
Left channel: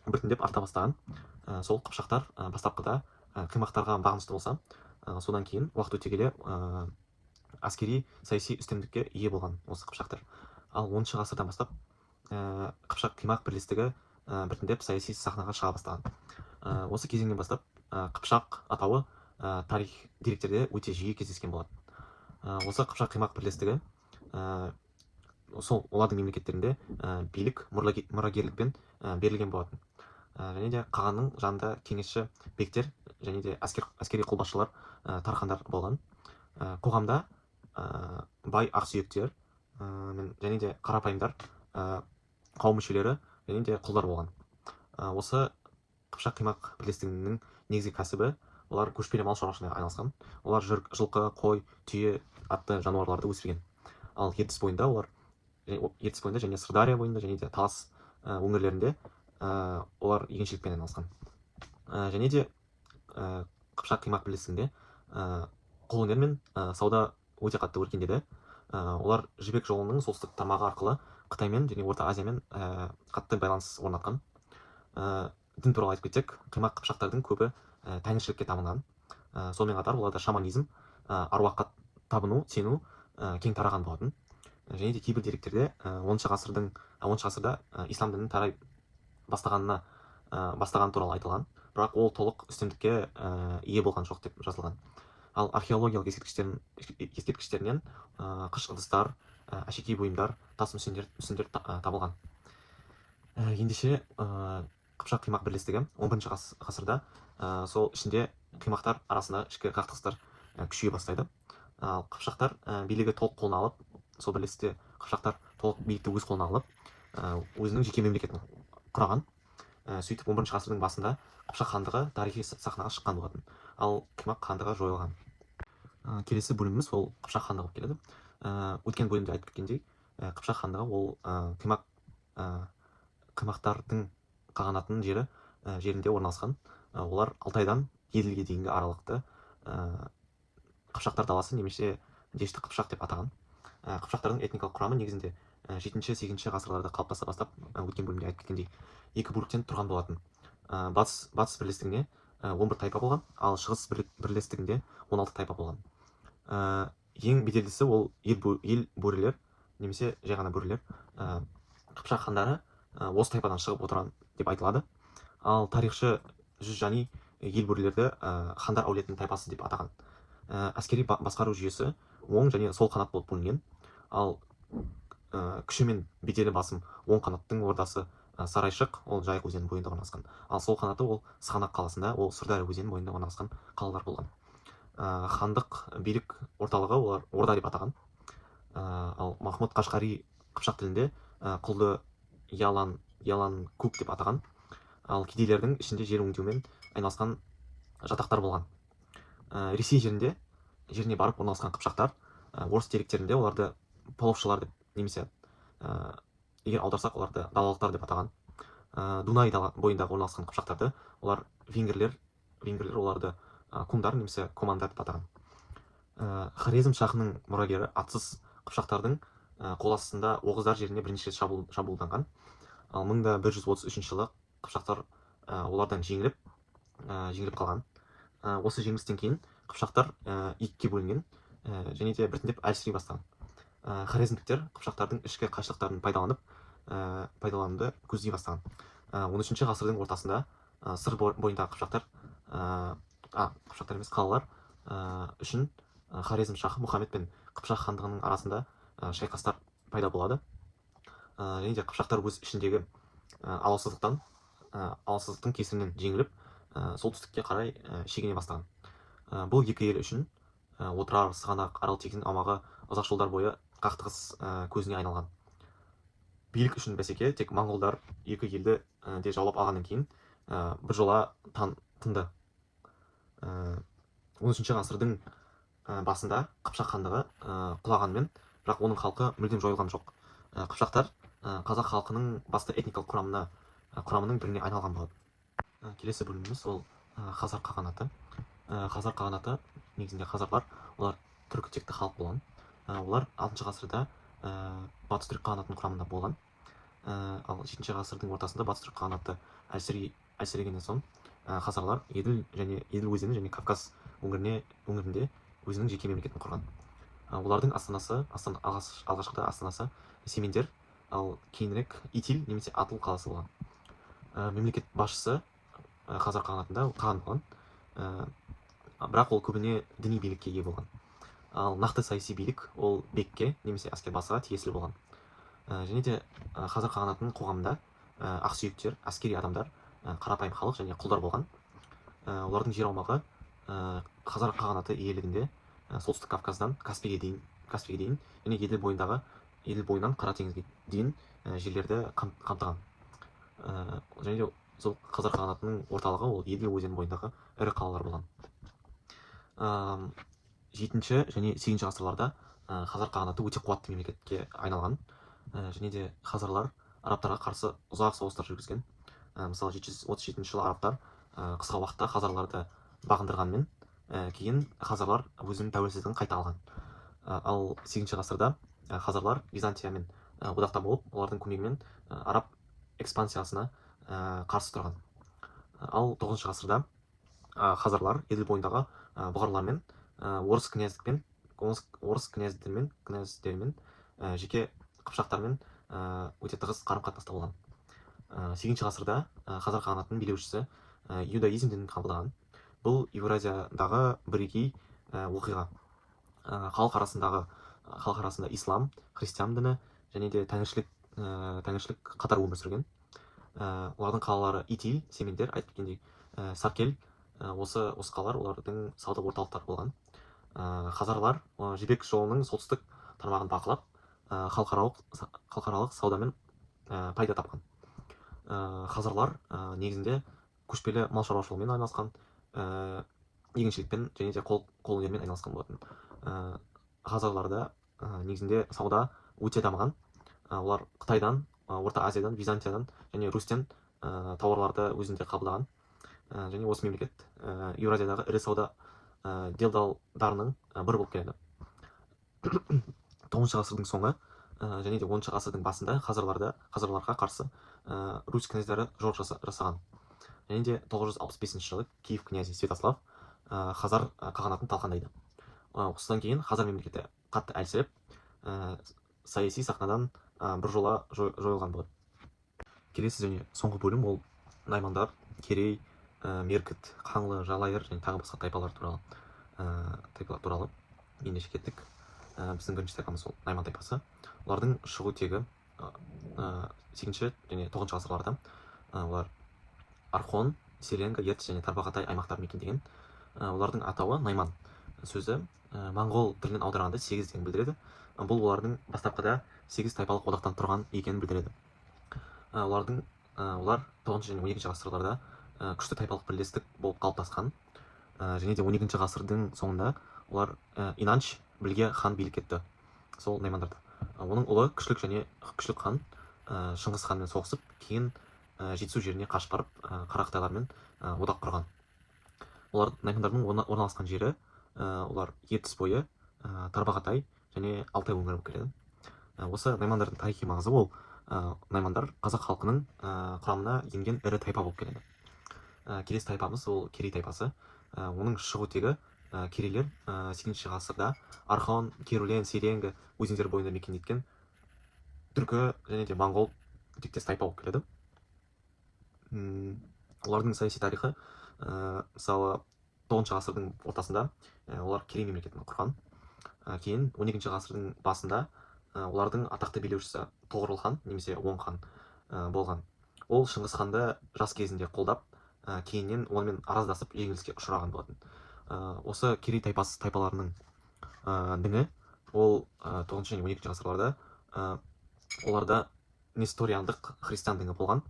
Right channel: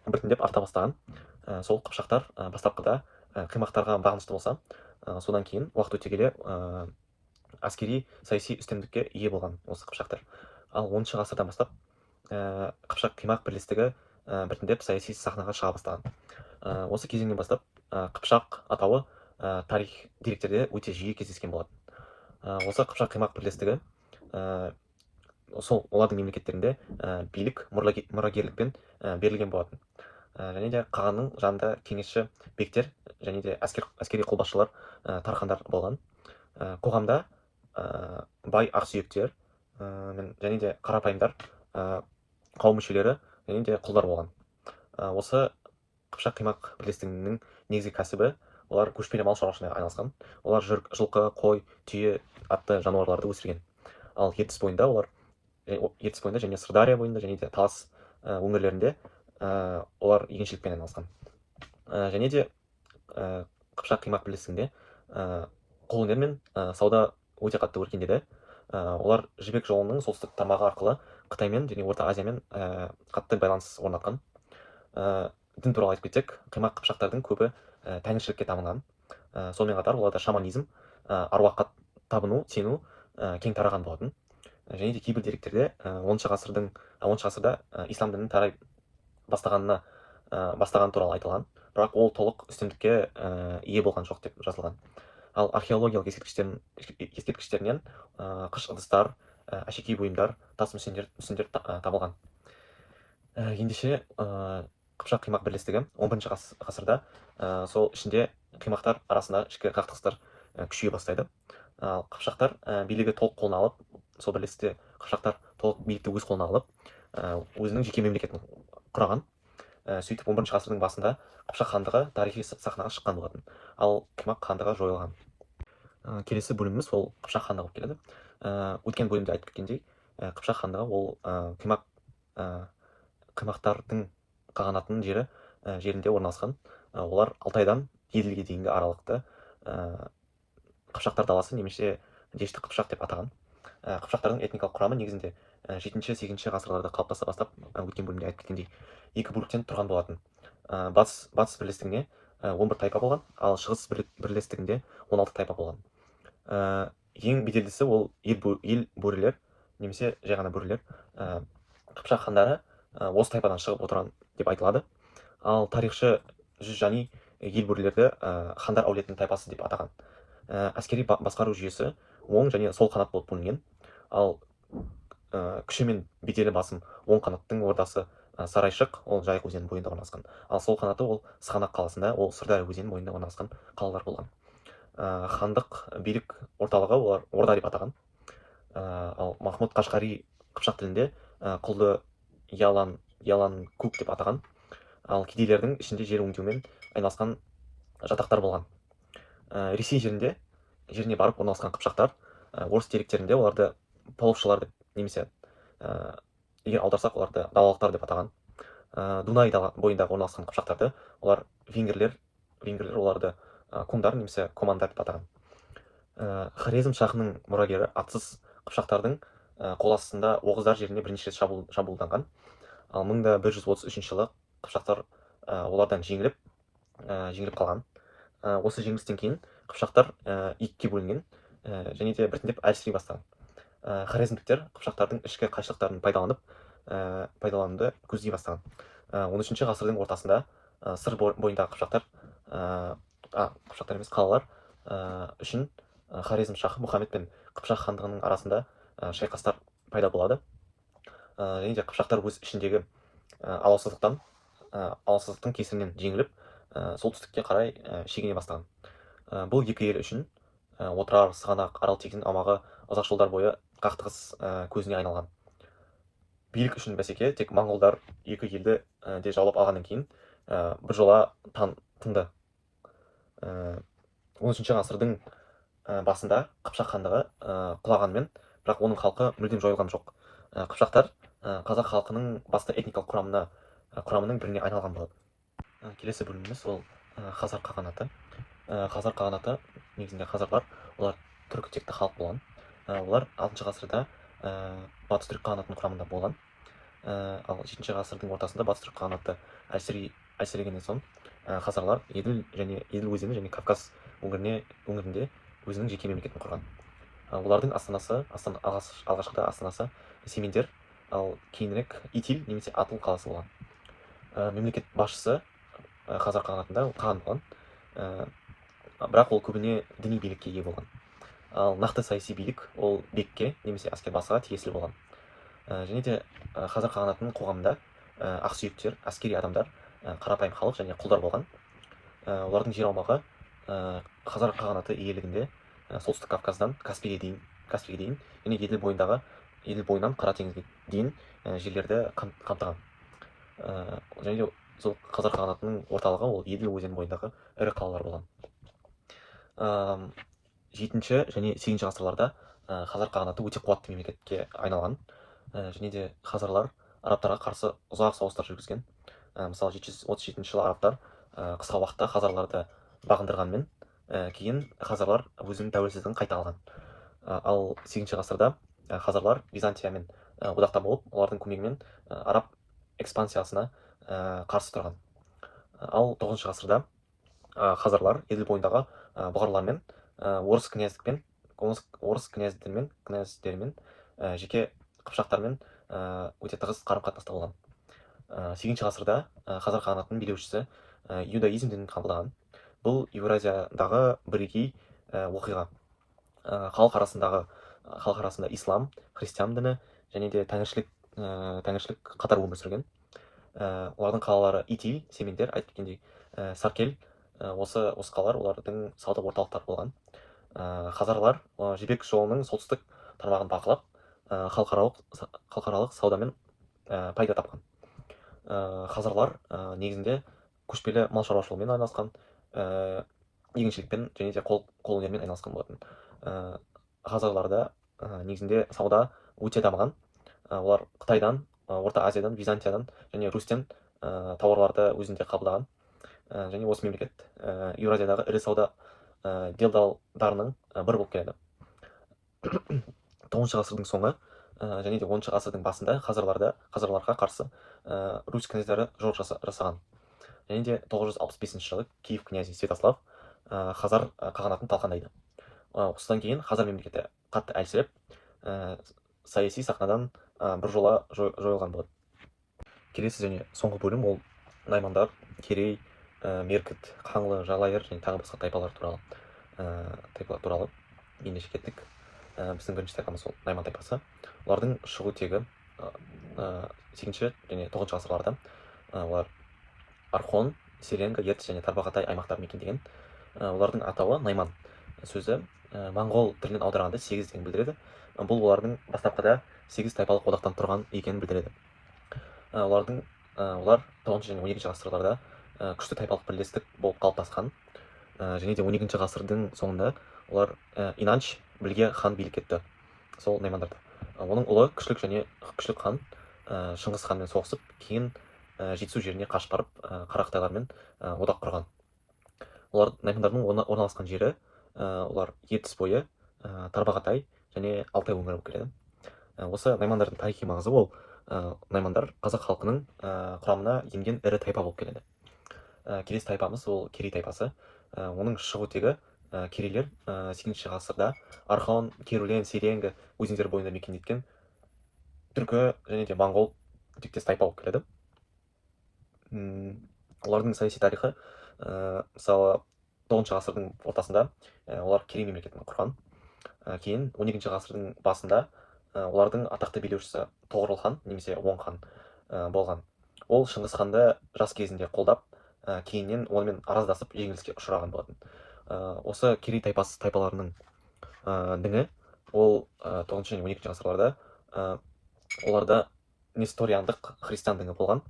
біртіндеп арта бастаған. Сол қыпшақтар бастапқыда қимақтарға бағынышты болса, содан кейін уақыт өте келе әскери саяси үстемдікке ие болған осы қыпшақтар. Ал 10 ғасырдан бастап қыпшақ қимақ бірлестігі біртіндеп саяси сахнаға шыға бастаған. Осы кезеңнен бастап қыпшақ атауы тарих деректерде өте жиі кездескен болатын. Осы қыпшақ қимақ бірлестігі сол олардың мемлекеттерінде билік мұрагерлікпен берілген болатын. Және де қағанның жанында кеңесші бектер және де әскери қолбасшылар, тархандар болған. Қоғамда бай ақсүйектер және де қарапайымдар, қауым мүшелері және де құлдар болған. Осы қыпшақ қимақ бірлестігінің негізгі кәсібі олар көшпелі мал шаруашылығына айналысқан. Олар жылқы, қой, түйе атты жануарларды өсірген. Ал ертіс бойында және Сырдария бойында және де Талас өңірлерінде олар егіншілікпен айналысқан. Және де қыпшақ қимақ бірлестігінде қолөнер мен сауда өте қатты өркендеді. Олар жібек жолының солтүстік тармағы арқылы Қытаймен және Орта Азиямен қатты байланыс орнатқан. Дін туралы айтып кетсек, қимақ қыпшақтардың көбі тәңіршілікке табынған. Сонымен қатар оларда шаманизм, аруаққа табыну, сену кең тараған болатын. Және де кейбір деректерде 10 ғасырда ислам дінінің тарай бастаған туралы айтылған, бірақ ол толық үстемдікке ие болған жоқ деп жазылған. Ал археологиялық ескерткіштерінен қыш ыдыстар, әшекей бұйымдар, тас мүсіндер табылған. Ендеше қыпшақ қимақ бірлестігі 11 ғасырда сол ішінде қимақтар арасында ішкі қақтығыстар күшейе бастайды. Ал қыпшақтар билігі толық қолына алып, сол бірлестікте қыпшақтар толық билікті өз қолына алып, өзінің жеке мемлекетін құраған. Сөйтіп 11 ғасырдың басында Қыпшақ хандығы тарихи сахнаға шыққан болатын. Ал қимақ хандығы жойылған. Келесі бөліміміз ол Қыпшақ хандығы болып келеді. Өткен бөлімде айтып кеткендей, Қыпшақ хандығы ол қимақтардың қағанатының жерінде орналасқан. Олар Алтайдан Еділге дейінгі аралықты Қыпшақтар даласы немесе Дешті Қыпшақ деп атаған. Қыпшақтардың этникалық құрамы негізінде 7-8 ғасырларда қалыптаса бастап, өткен бөлімде айтып кеткендей, екі бөліктен тұрған болатын. Батыс бірлестігінде 11 тайпа болған, ал шығыс бірлестігінде 16 тайпа болған. Ең беделдісі ол ел бөрілер немесе жай ғана бөрілер. Қыпшақ хандары осы тайпадан шығып отырған деп айтылады. Ал тарихшы Жүзжани ел бөрілерді хандар әулетінің тайпасы деп атаған. Әскери басқару жүйесі оң және сол қанат болып бөлінген. Ал күші мен беделі басым оң қанаттың ордасы Сарайшық, ол Жайық өзенінің бойында орналасқан. Ал сол қанаты ол Сығанақ қаласында, ол Сырдария өзенінің бойында орналасқан қалалар болған. Хандық билік орталығы олар орда деп атаған. Ал Махмұд Қашқари қыпшақ тілінде құлды Ялан көк деп атаған. Ал кедейлердің ішінде жер өңдеумен айналысқан жатақтар болған. Ресей жеріне барып орналасқан қыпшақтар орыс деректерінде оларды половшылар деп, немесе егер аударсақ оларды далалықтар деп атаған. Дунай бойындағы орналасқан қыпшақтарды олар венгрлер оларды кумдар немесе командар деп атаған. Хорезм шахының мұрагері атсыз қыпшақтардың қол астында оғыздар жеріне бірнеше рет шабуылданған. Ал 1133 жылы қыпшақтар олардан жеңіліп қалған. Осы жеңілістен кейін қыпшақтар екіге бөлінген және де біртіндеп әлсірей бастаған. Хорезмдіктер қыпшақтардың ішкі қайшылықтарын пайдалануды көздей бастаған. 13 ғасырдың ортасында сыр бойындағы қалалар үшін Хорезм шахы Мұхаммед пен Қыпшақ хандығының арасында шайқастар пайда болады. Және де қыпшақтар өз ішіндегі алауыздықтың кесірінен жеңіліп, солтүстікке қарай шегіне бастаған. Бұл екі ел үшін Отырар, Сығанақ, Аралтегін аумағы ұзақ жылдар бойы қақтығыс көзіне айналған. Билік үшін бәсеке тек моңғолдар екі елді де жаулап алғаннан кейін біржола тынды. 13 ғасырдың басында Қыпшақ хандығы құлағанмен, бірақ оның халқы мүлдем жойылған жоқ. Қыпшақтар қазақ халқының басты этникалық құрамының біріне айналған болады. Келесі бөліміміз ол хазар қағанаты. Хазар қағанаты негізінде хазарлар олар түркі текті халық болған. Олар 6 ғасырда батыс түрік қағанатының құрамында болған. Ал 7 ғасырдың ортасында батыс түрік қағанаты әлсірегеннен соң хазарлар еділ өзені және Кавказ өңірінде өзінің жеке мемлекетін құрған. Олардың алғашқыда астанасы Семендер, ал кейінірек Итиль немесе Атыл қаласы болған. Мемлекет басшысы хазар қағанатында қан болған, бірақ ол көбіне діни билікке ие болған. Ал нақты саяси билік ол бекке немесе әскербасыға тиесілі болған. Және де хазар қағанатының қоғамында ақсүйектер, әскери адамдар, қарапайым халық және құлдар болған. Олардың жер аумағы хазар қағанаты иелігінде солтүстік Кавказдан Каспийге дейін және еділ бойынан Қара теңізге дейін жерлерді қамтыған. Және де сол хазар қағанатының орталығы ол еділ өзені бойындағы ірі қалалар болған. 7 және 8 ғасырларда хазар қағанаты өте қуатты мемлекетке айналған. Және де хазарлар арабтарға қарсы ұзақ соғыстар жүргізген. Мысалы 737 жылы арабтар қысқа уақытта хазарларды бағындырғанмен, кейін хазарлар өзінің тәуелсіздігін қайта алған. Ал 8 ғасырда хазарлар Византиямен одақта болып, олардың көмегімен араб экспансиясына қарсы тұрған. Ал 9 ғасырда хазарлар еділ бойындағы бұғарлармен орыс князьдерімен жеке қыпшақтармен өте тығыз қарым-қатынаста болған. 8 ғасырда хазар қағанатының билеушісі иудаизм дінін қабылдаған. Бұл Еуразиядағы бірегей оқиға. Халық арасында ислам, христиан діні және де тәңіршілік қатар өмір сүрген. Олардың қалалары Итиль, Семендер, айтып кеткендей, Саркел, осы қалалар олардың сауда орталықтары болған. Хазарлар жібек жолының солтүстік тармағын бақылап, халықаралық саудамен пайда тапқан. Хазарлар негізінде көшпелі мал шаруашылығымен айналысқан, егіншілікпен және де қол өнерімен айналысқан болатын. Хазарларда негізінде сауда өте дамыған. Олар Қытайдан, Орта Азиядан, Византиядан және Рустен тауарларды өзінде қабылдаған. Және осы мемлекет Еуразиядағы ірі сауда делдалдарының бірі болып келеді. 9 ғасырдың соңы және де 10 ғасырдың басында хазарларға қарсы русь князьдары жорық жасаған. Және де 965 жылы Киев князі Святослав хазар қағанатын талқандайды. Осыдан кейін хазар мемлекеті қатты әлсіреп, саяси сахнадан біржола жойылған болады. Келесі және соңғы бөлім ол наймандар, керей, меркіт, қаңлы, жалайыр және тағы басқа тайпалар туралы ендеше кеттік. Біздің бірінші тайпамыз ол найман тайпасы. Олардың шығу тегі 8 және 9 ғасырларда олар Архон, Серенга, Ертіс және Тарбағатай аймақтарын мекендеген. Олардың атауы найман сөзі моңғол тілінен аударғанда 8 деген білдіреді. Бұл олардың бастапқыда 8 тайпалық одақтан тұрған екенін білдіреді. Олар 9 және 12 ғасырларда күшті тайпалық бірлестік болып қалыптасқан. Және де 12 ғасырдың соңында олар Инанч білге хан билік етті, сол наймандарды. Оның ұлы күшлік хан Шыңғыс ханмен соғысып, кейін жетісу жеріне қашып барып Қарақытайлармен одақ құрған. Олар наймандардың орналасқан жері олар Ертіс бойы, Тарбағатай және Алтай өңірі болып келеді. Осы наймандардың тарихи маңызы ол наймандар қазақ халқының құрамына енген ірі тайпа болып келеді. Келесі тайпамыз ол керей тайпасы. Оның шығу тегі керейлер 8 ғасырда Архон, Керулен, Серенгі өзендері бойында мекендеткен түркі және де моңғол тектес тайпа болып келеді. Олардың саяси тарихы, мысалы 9 ғасырдың ортасында олар керей мемлекетін құрған. Кейін 12 ғасырдың басында олардың атақты билеушісі Тоғорыл хан немесе Оң хан болған. Ол Шыңғыс ханды жас кезінде қолдап, кейіннен онымен араздасып жеңіліске ұшыраған болатын. Осы керей тайпаларының діні ол 9 және 12 ғасырларда оларда несториандық христиан діні болған.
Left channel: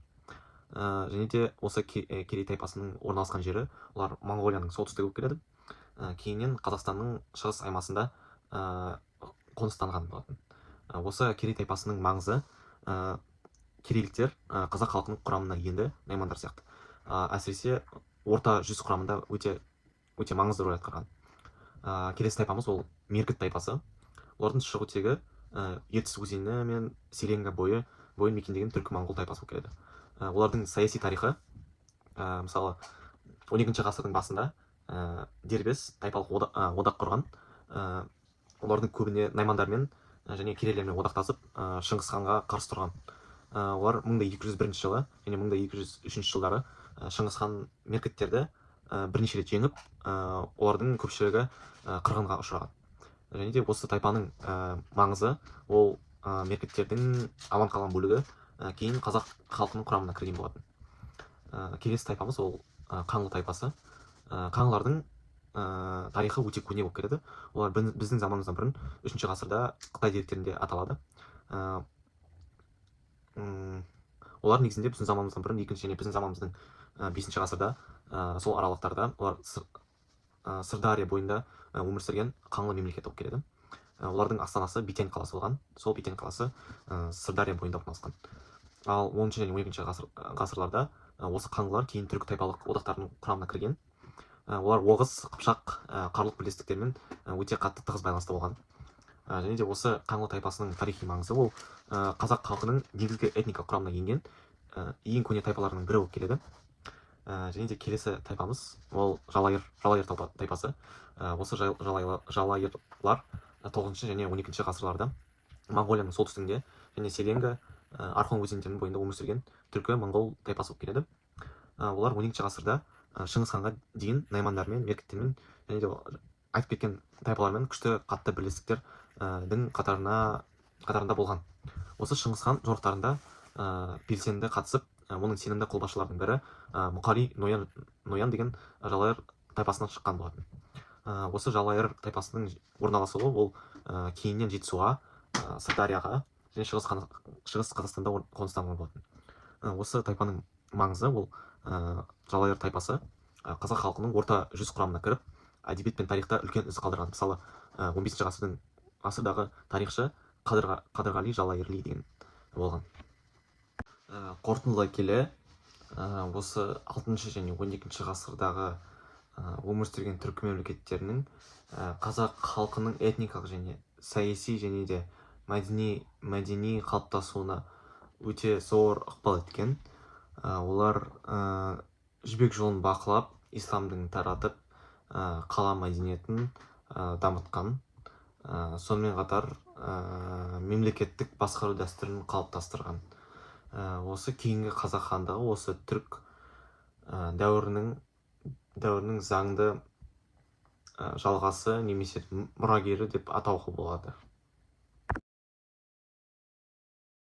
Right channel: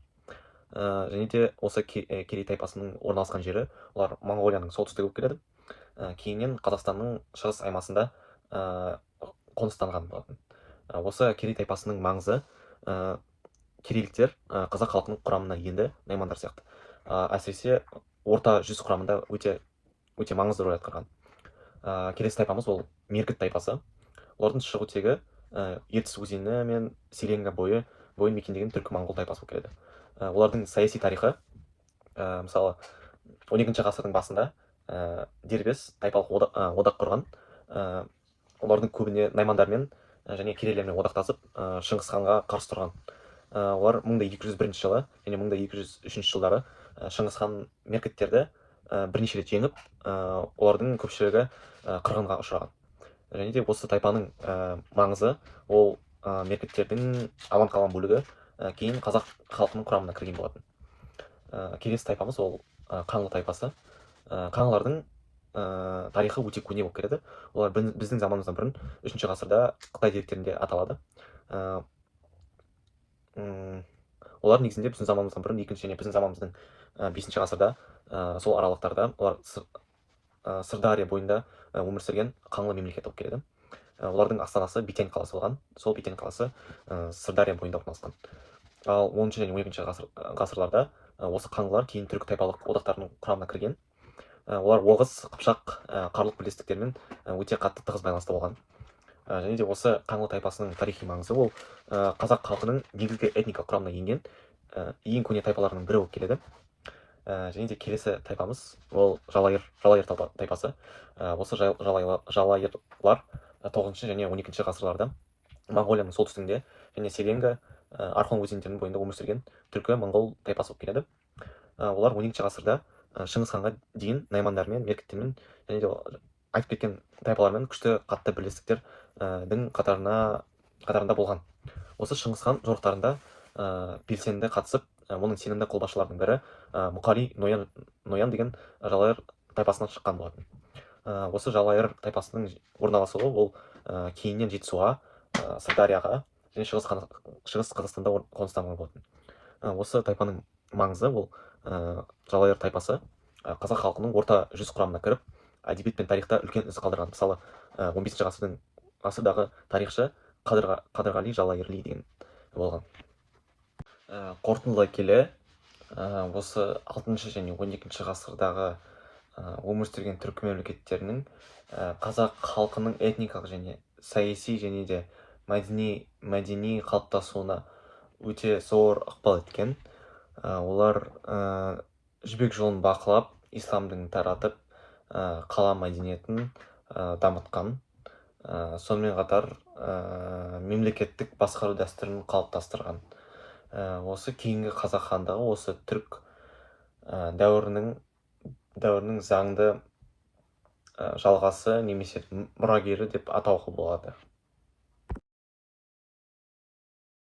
Және де осы керей тайпасының орналасқан жері олар Моңғолияның солтүстігі болып келеді. Кейіннен Қазақстанның шығыс аймасында қоныстанған болатын. Осы керей тайпасының маңызы керейліктер қазақ халқының құрамына енді, наймандар сияқты. Әсіресе орта жүз құрамында өте маңызды рөл атқарған. Келесі тайпамыз ол меркіт тайпасы. Олардың шығу тегі ертіс өзені мен селенга бойын мекендеген түркі-моңғол тайпасы болып келеді. Олардың саяси тарихы, мысалы 12 ғасырдың басында дербес тайпалық одақ құрған. Олардың көбіне наймандармен және керейлермен одақтасып Шыңғыс ханға қарсы тұрған. Олар 1201 жылы және 1203 жылдары Шыңғыс хан меркіттерді бірнеше рет жеңіп, олардың көпшілігі қырғынға ұшыраған. Және де осы тайпаның маңызы, ол меркіттердің аман қалған бөлігі кейін қазақ халқының құрамына кірген болатын. Келесі тайпамыз ол қаңлы тайпасы. Қаңлылардың тарихы өте көне болып келеді. Олар біздің заманымыздан бұрын 3 ғасырда Қытай деректерінде аталады. Олар негізінде біздің заманымыздан бұрын 2 және біздің заманымыздың 5 ғасырда сол аралықтарда олар Сырдария бойында өмір сүрген қаңлы мемлекет болып келеді. Олардың астанасы Битянь қаласы болған. Сол Битянь қаласы Сырдария бойында орналасқан. Ал 10 және 12 ғасырларда осы қаңлылар кейін түркі тайпалық одақтарының құрамына кірген. Олар Оғыз, Қыпшақ, Қарлық бірлестіктермен өте қатты тығыз байланыста болған. Және де осы қаңлы тайпасының тарихи маңызы, ол қазақ халқының негізгі этникалық құрамына енген ең көне тайпаларының бірі болып келеді. Және де келесі тайпамыз ол жалайыр тайпасы. Осы жалайырлар 9 және 12 ғасырларда Моңғолияның солтүстігінде және Селенга, Архон өзендерінің бойында өмір сүрген түркі-моңғол тайпасы болып келеді. Олар 12 ғасырда Шыңғыс ханға дейін наймандармен, меркіттермен және де айтып кеткен тайпалармен күшті қатты бірлестіктердің қатарында болған. Осы Шыңғыс хан жорықтарында белсенді қатысып, оның сенімді қолбасшыларының бірі Мұқали Ноян деген жалайыр тайпасынан шыққан болатын. Осы жалайыр тайпасының орналасуы ол кейіннен Жетісуға, Сырдарияға және Шығыс Қазақстанда қоныстанған болатын. Осы тайпаның маңызы, ол жалайыр тайпасы қазақ халқының орта жүз құрамына кіріп, әдебиет пен тарихта үлкен із қалдырған. Мысалы 15 ғасырдағы тарихшы Қадырғали Жалайырли деген болған. Қорытындылай келе, осы 6 және 12 ғасырдағы өмір сүрген түркі мемлекеттерінің қазақ халқының этникалық және саяси және де мәдени қалыптасуына өте зор ықпал еткен. Олар жібек жолын бақылап, исламдың таратып, қала мәдениетін дамытқан. Сонымен қатар мемлекеттік басқару дәстүрін қалыптастырған. Осы кейінгі қазақ хандығы осы түрк дәуірінің заңды жалғасы немесе мұрагері деп атауға болады.